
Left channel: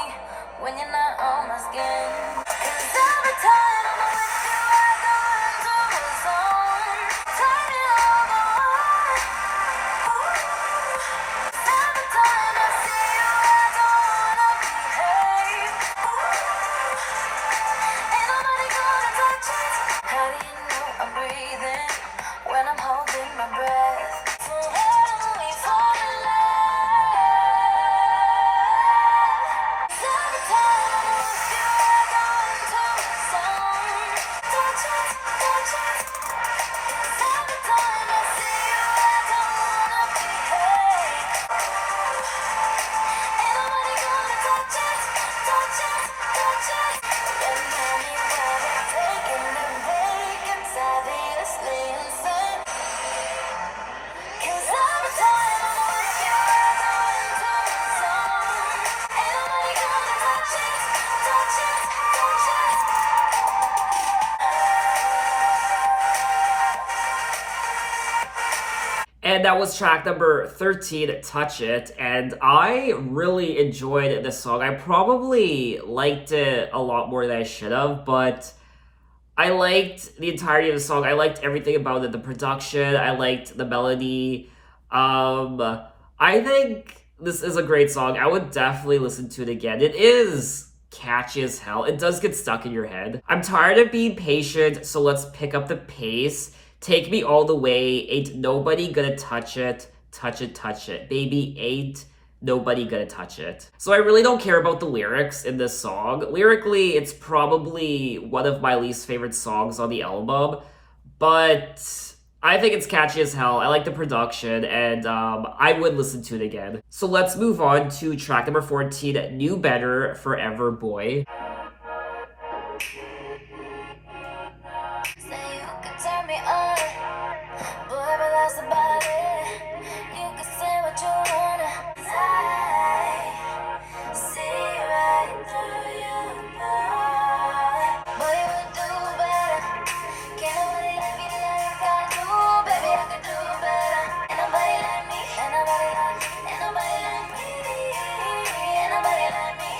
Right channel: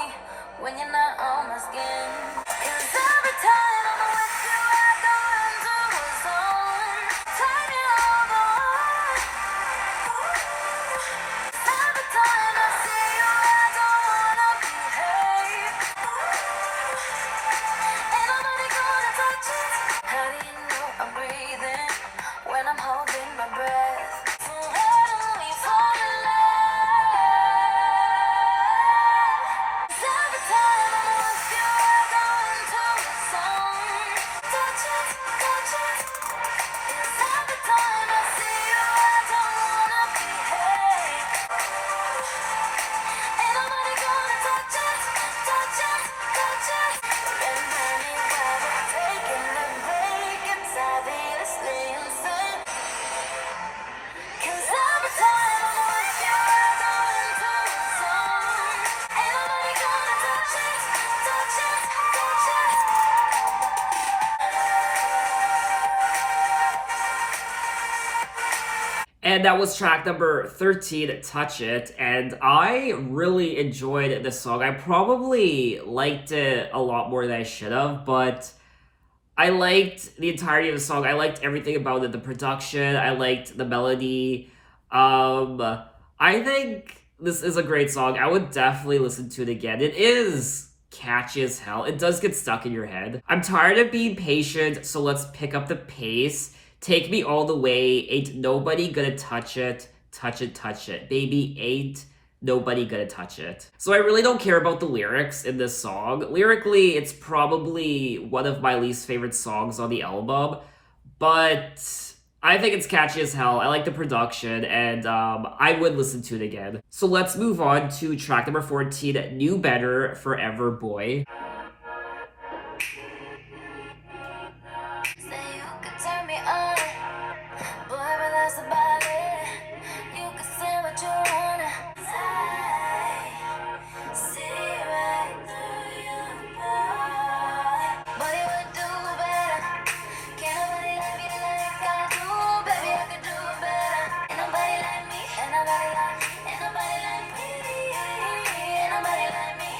when you're not on my skin? 'Cause every time I'm with you, I go into a zone. Take me over. Every time I see you, I don't wanna behave. Ain't nobody gonna touch it. How do you know I'm breathing when I'm holding my breath? So how do we fall in love? Every time I'm with you, I go into a zone. Touch it, touch it. 'Cause every time I see you, I don't wanna behave. Ain't nobody gonna touch it, touch it, touch it. Remember me while we're taking a break. It's obviously insane. 'Cause every time I'm with you, I go into a zone. Ain't nobody gonna touch it, touch it, touch it. And that was track number 13, Touch It. And I really enjoyed this song. I probably liked it a lot more than I should have, but I liked the entirety of the song. I liked everything about it. The production, I liked the melody. I think this is a great song. I would definitely listen to it again. It is catchy as hell. It does get stuck in your head. I'm tired of being patient, so let's pick up the pace. Take me all the way. Ain't nobody gonna touch it. Touch it, touch it. Baby, ain't nobody gonna touch it. So I really don't care about the lyrics in this song. Lyrically, it's probably one of my least favorite songs on the album, but I think it's catchy as hell. I like the production, and I would listen to it again. So let's move on to track number 14, New Better, Forever Boy. Say you could turn me on, boy, but that's about it. You can say what you wanna. I see right through you, boy. Boy, you would do better. Can't nobody like me like I do, baby. I could do better. Ain't nobody like me. Ain't nobody like me. Ain't nobody like me. Ain't nobody like me.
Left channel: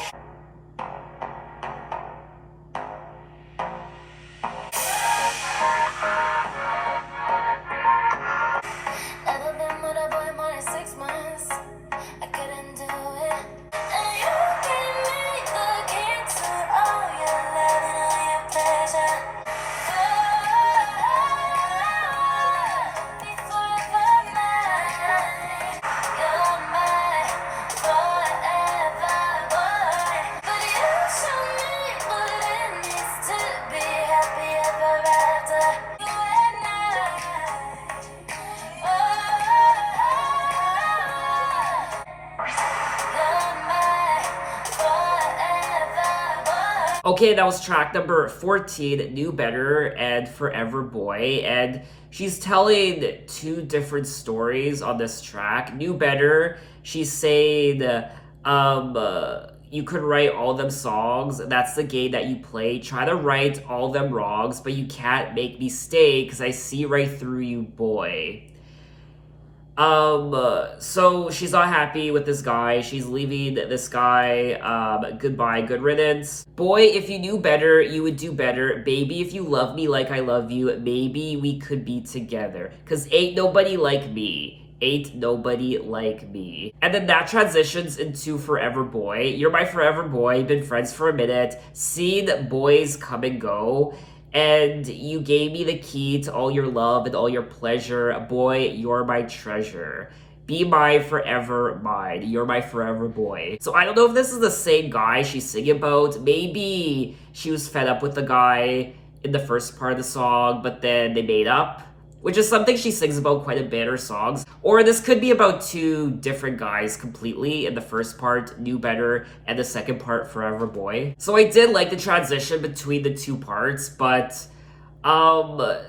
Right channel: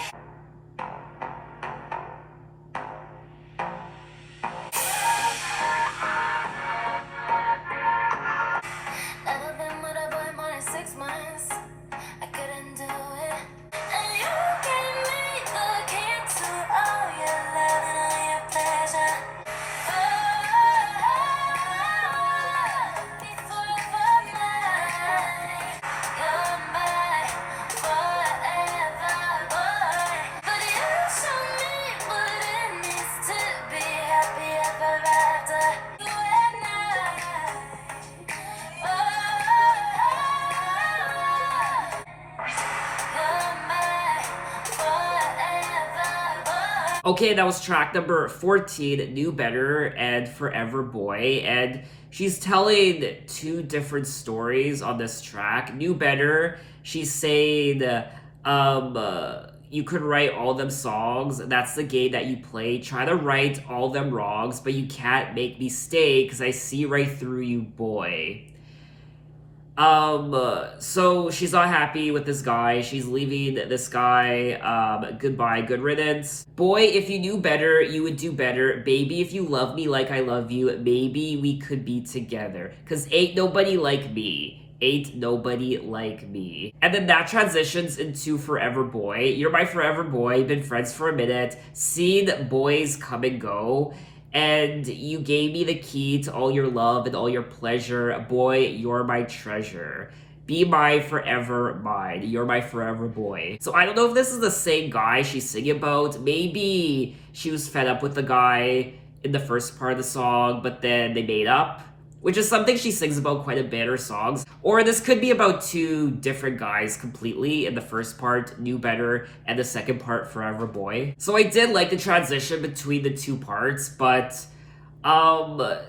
Never been with a boy more than 6 months. I couldn't do it. And you gave me the key to all your love and all your pleasure. Be forever mine. You're my forever boy. But you show me what it means to be happy ever after. You and Okay, that was track number 14, New Better and Forever Boy. And she's telling 2 different stories on this track. New Better, she's saying, you could write all them songs. That's the game that you play. Try to write all them wrongs, but you can't make me stay because I see right through you, boy. So she's not happy with this guy. She's leaving this guy. Goodbye, good riddance. Boy, if you knew better, you would do better. Baby, if you love me like I love you, maybe we could be together. Cause ain't nobody like me. Ain't nobody like me. And then that transitions into Forever Boy. You're my forever boy, been friends for a minute, seen boys come and go, and you gave me the key to all your love and all your pleasure. Boy, you're my treasure. Be my forever mine. You're my forever boy. So I don't know if this is the same guy she's singing about. Maybe she was fed up with the guy in the first part of the song, but then they made up, which is something she sings about quite a bit in her songs. Or this could be about two different guys completely. In the first part, Knew Better, and the second part, Forever Boy. So I did like the transition between the two parts, but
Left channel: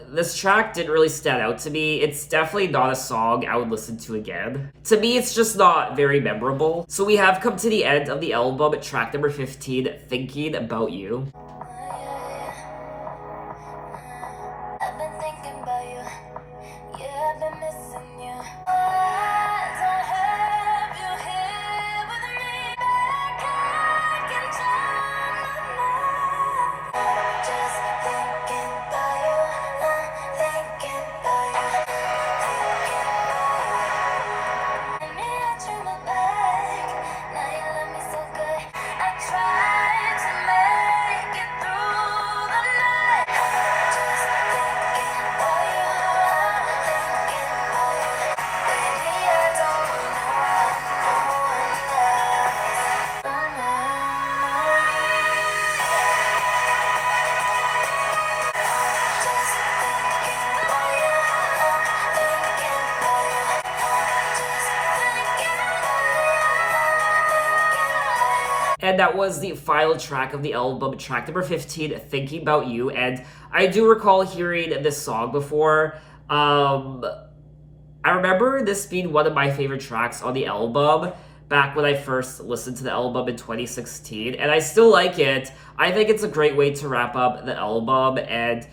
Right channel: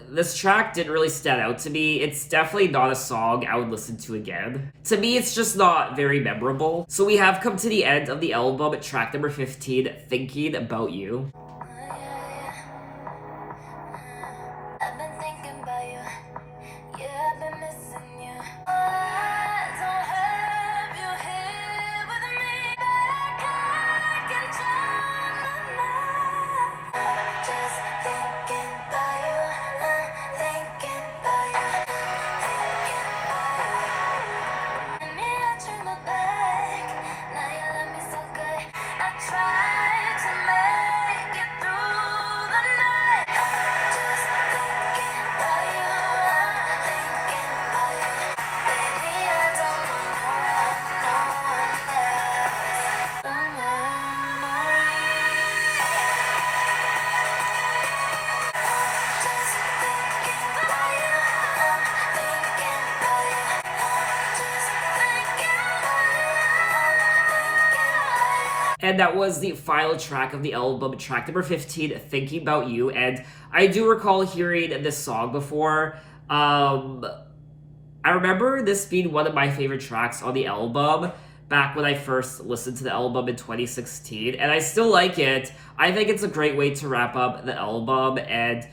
this track didn't really stand out to me. It's definitely not a song I would listen to again. To me, it's just not very memorable. So we have come to the end of the album, track number 15, Thinking About You. I've been thinking about you. Yeah, I've been missing you. Oh, I don't have you here with me. Like I can turn the night. Just thinking about you. Thinking about you. Me, I turn my back. Now you love me so good. I tried to make it through the night. Just thinking about you. Thinking about you. Baby, I don't want no one else. Just thinking about you. Thinking about you. Just thinking about you. And that was the final track of the album, track number 15, Thinking About You. And I do recall hearing this song before. I remember this being one of my favorite tracks on the album back when I first listened to the album in 2016. And I still like it. I think it's a great way to wrap up the album. And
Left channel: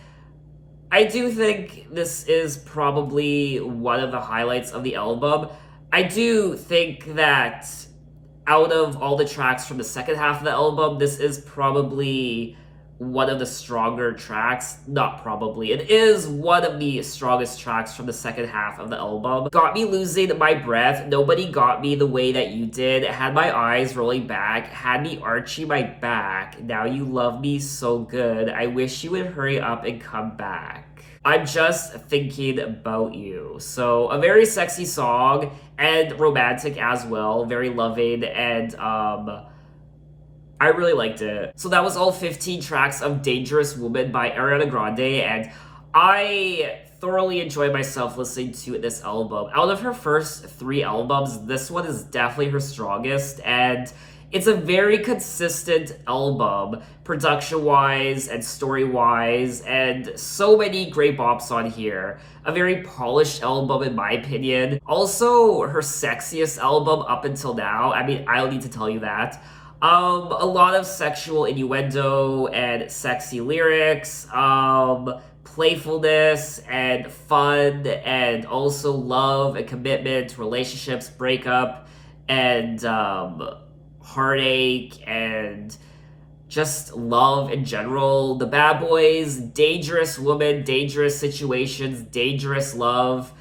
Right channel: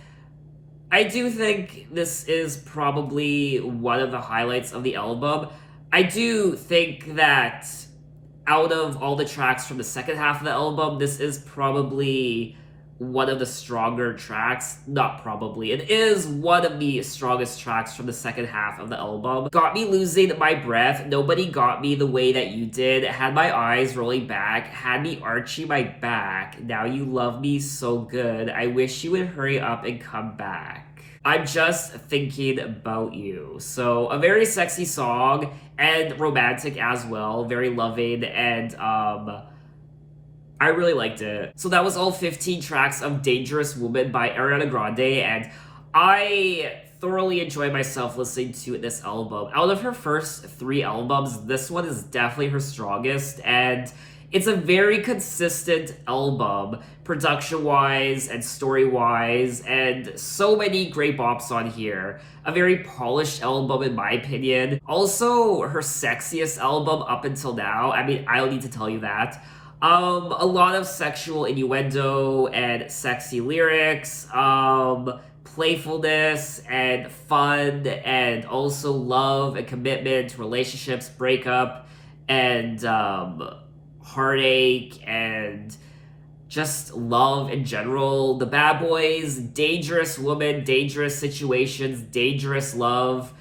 I do think this is probably one of the highlights of the album. I do think that out of all the tracks from the second half of the album, this is probably one of the stronger tracks. Not probably. It is one of the strongest tracks from the second half of the album. Got me losing my breath. Nobody got me the way that you did. Had my eyes rolling back. Had me arching my back. Now you love me so good. I wish you would hurry up and come back. I'm just thinking about you. So a very sexy song and romantic as well. Very loving, and I really liked it. So that was all 15 tracks of Dangerous Woman by Ariana Grande, and I thoroughly enjoyed myself listening to this album. Out of her first 3 albums, this one is definitely her strongest, and it's a very consistent album, production-wise and story-wise, and so many great bops on here. A very polished album in my opinion. Also, her sexiest album up until now. I mean, I don't need to tell you that. A lot of sexual innuendo and sexy lyrics, playfulness and fun, and also love and commitment, relationships, breakup, and heartache, and just love in general. The bad boys, dangerous woman, dangerous situations, dangerous love,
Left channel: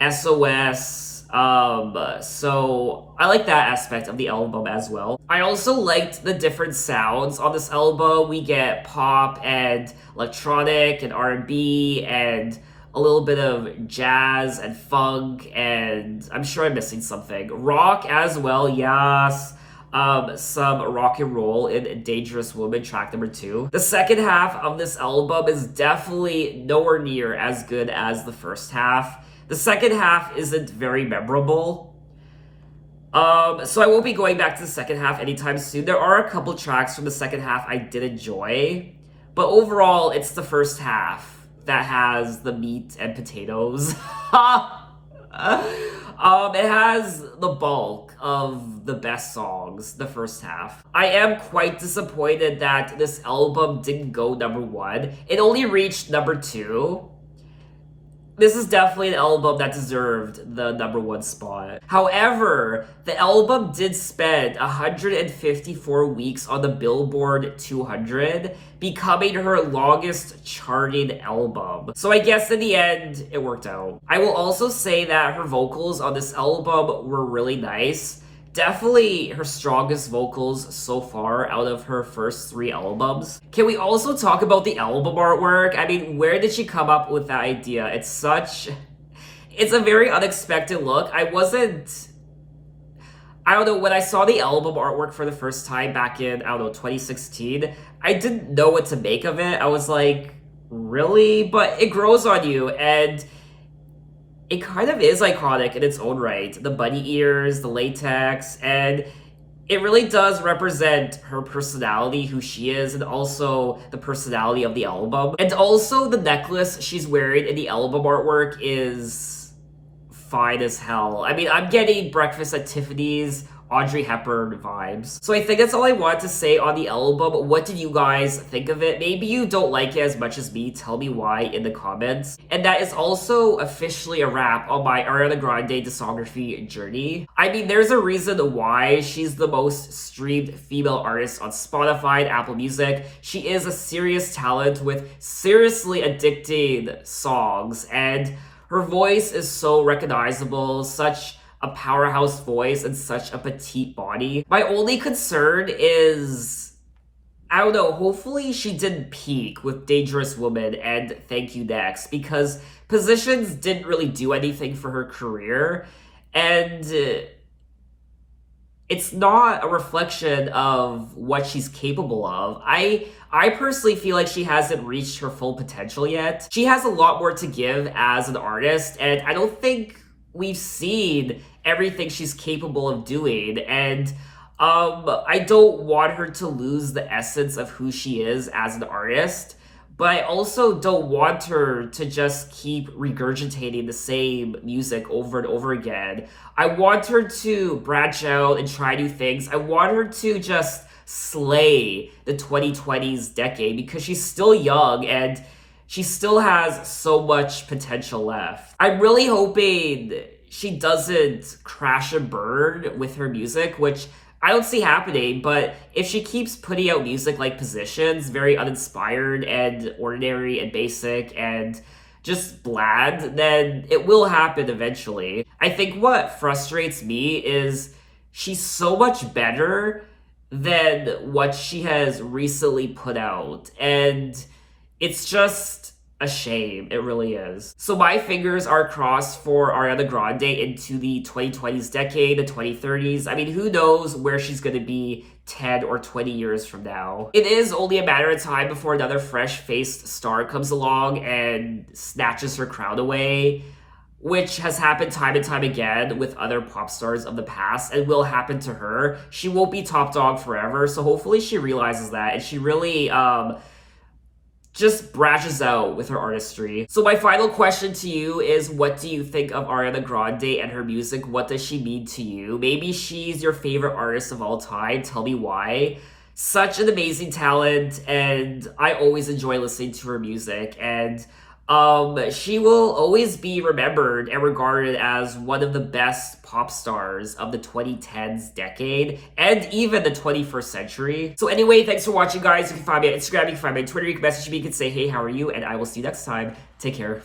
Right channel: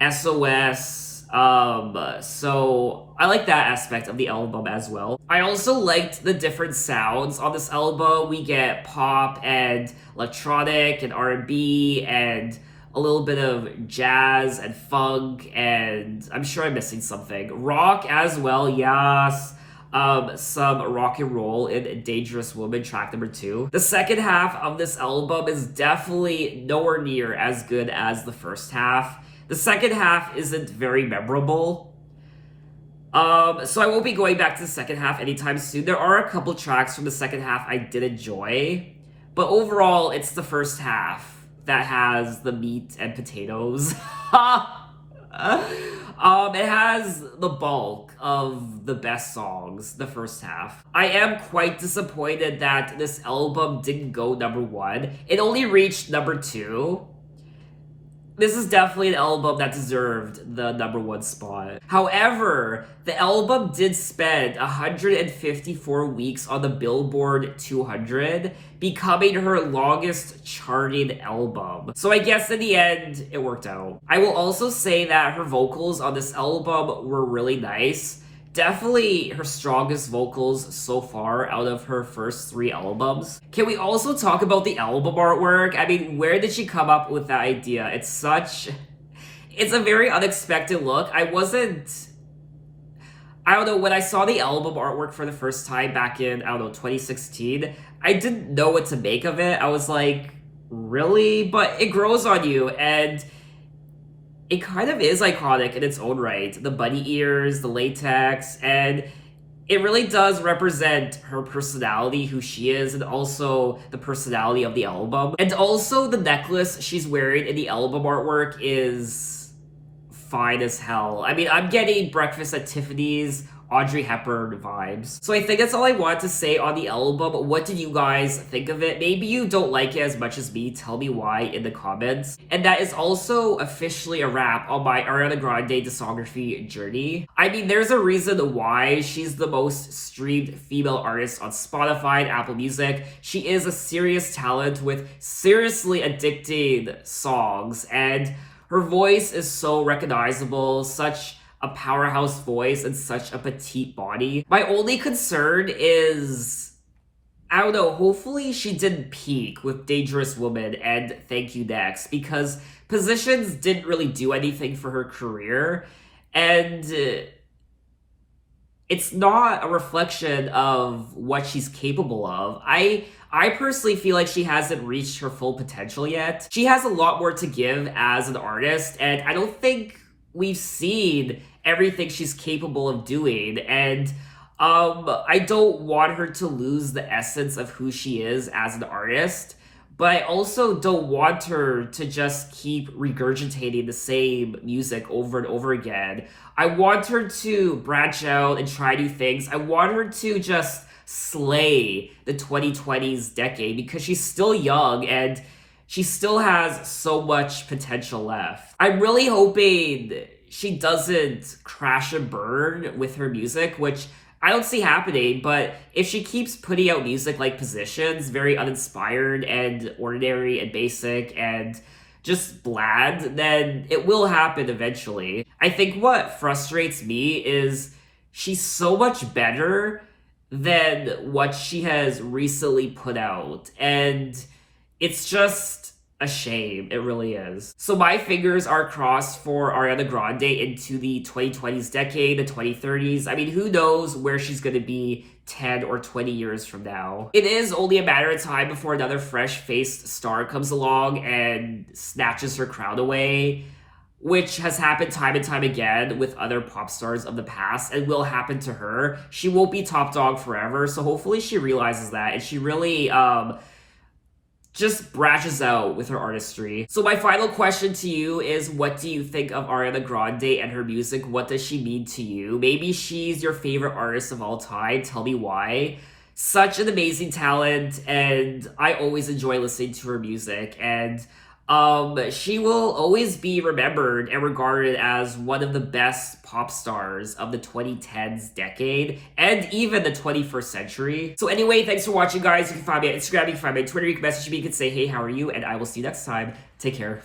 SOS. So I like that aspect of the album as well. I also liked the different sounds on this album. We get pop and electronic and R&B and a little bit of jazz and funk, and I'm sure I'm missing something. Rock as well, yes. Some rock and roll in Dangerous Woman, track number 2. The second half of this album is definitely nowhere near as good as the first half. The second half isn't very memorable. So I won't be going back to the second half anytime soon. There are a couple tracks from the second half I did enjoy, but overall, it's the first half that has the meat and potatoes. It has the bulk of the best songs, the first half. I am quite disappointed that this album didn't go number 1. It only reached number 2. This is definitely an album that deserved the #1 spot. However, the album did spend 154 weeks on the Billboard 200, becoming her longest charting album. So I guess in the end, it worked out. I will also say that her vocals on this album were really nice. Definitely her strongest vocals so far out of her first 3 albums. Can we also talk about the album artwork? I mean, where did she come up with that idea? It's a very unexpected look. I don't know, when I saw the album artwork for the first time back in, 2016, I didn't know what to make of it. I was like, really? But it grows on you, and it kind of is iconic in its own right. The bunny ears, the latex, and it really does represent her personality, who she is, and also the personality of the album. And also the necklace she's wearing in the album artwork is fine as hell. I mean, I'm getting Breakfast at Tiffany's, Audrey Hepburn vibes. So I think that's all I want to say on the album. What did you guys think of it? Maybe you don't like it as much as me. Tell me why in the comments. And that is also officially a wrap on my Ariana Grande discography journey. I mean, there's a reason why she's the most streamed female artist on Spotify and Apple Music. She is a serious talent with seriously addicting songs, and her voice is so recognizable, such a powerhouse voice and such a petite body. My only concern is, I don't know, hopefully she didn't peak with Dangerous Woman and Thank You Next, because Positions didn't really do anything for her career, and it's not a reflection of what she's capable of. I personally feel like she hasn't reached her full potential yet. She has a lot more to give as an artist, and I don't think we've seen everything she's capable of doing, and I don't want her to lose the essence of who she is as an artist, but I also don't want her to just keep regurgitating the same music over and over again. I want her to branch out and try new things. I want her to just slay the 2020s decade, because she's still young and she still has so much potential left. I'm really hoping she doesn't crash and burn with her music, which I don't see happening, but if she keeps putting out music like Positions, very uninspired and ordinary and basic and just bland, then it will happen eventually. I think what frustrates me is she's so much better than what she has recently put out, and it's just a shame. It really is. So my fingers are crossed for Ariana Grande into the 2020s decade, the 2030s. I mean, who knows where she's gonna be 10 or 20 years from now. It is only a matter of time before another fresh-faced star comes along and snatches her crown away, which has happened time and time again with other pop stars of the past, and will happen to her. She won't be top dog forever, so hopefully she realizes that, and she really, just branches out with her artistry. So my final question to you is, what do you think of Ariana Grande and her music? What does she mean to you? Maybe she's your favorite artist of all time. Tell me why. Such an amazing talent, and I always enjoy listening to her music, and she will always be remembered and regarded as one of the best pop stars of the 2010s decade and even the 21st century. So anyway, thanks for watching, guys. You can find me on Instagram, you can find me on Twitter, you can message me, you can say, hey, how are you? And I will see you next time. Take care.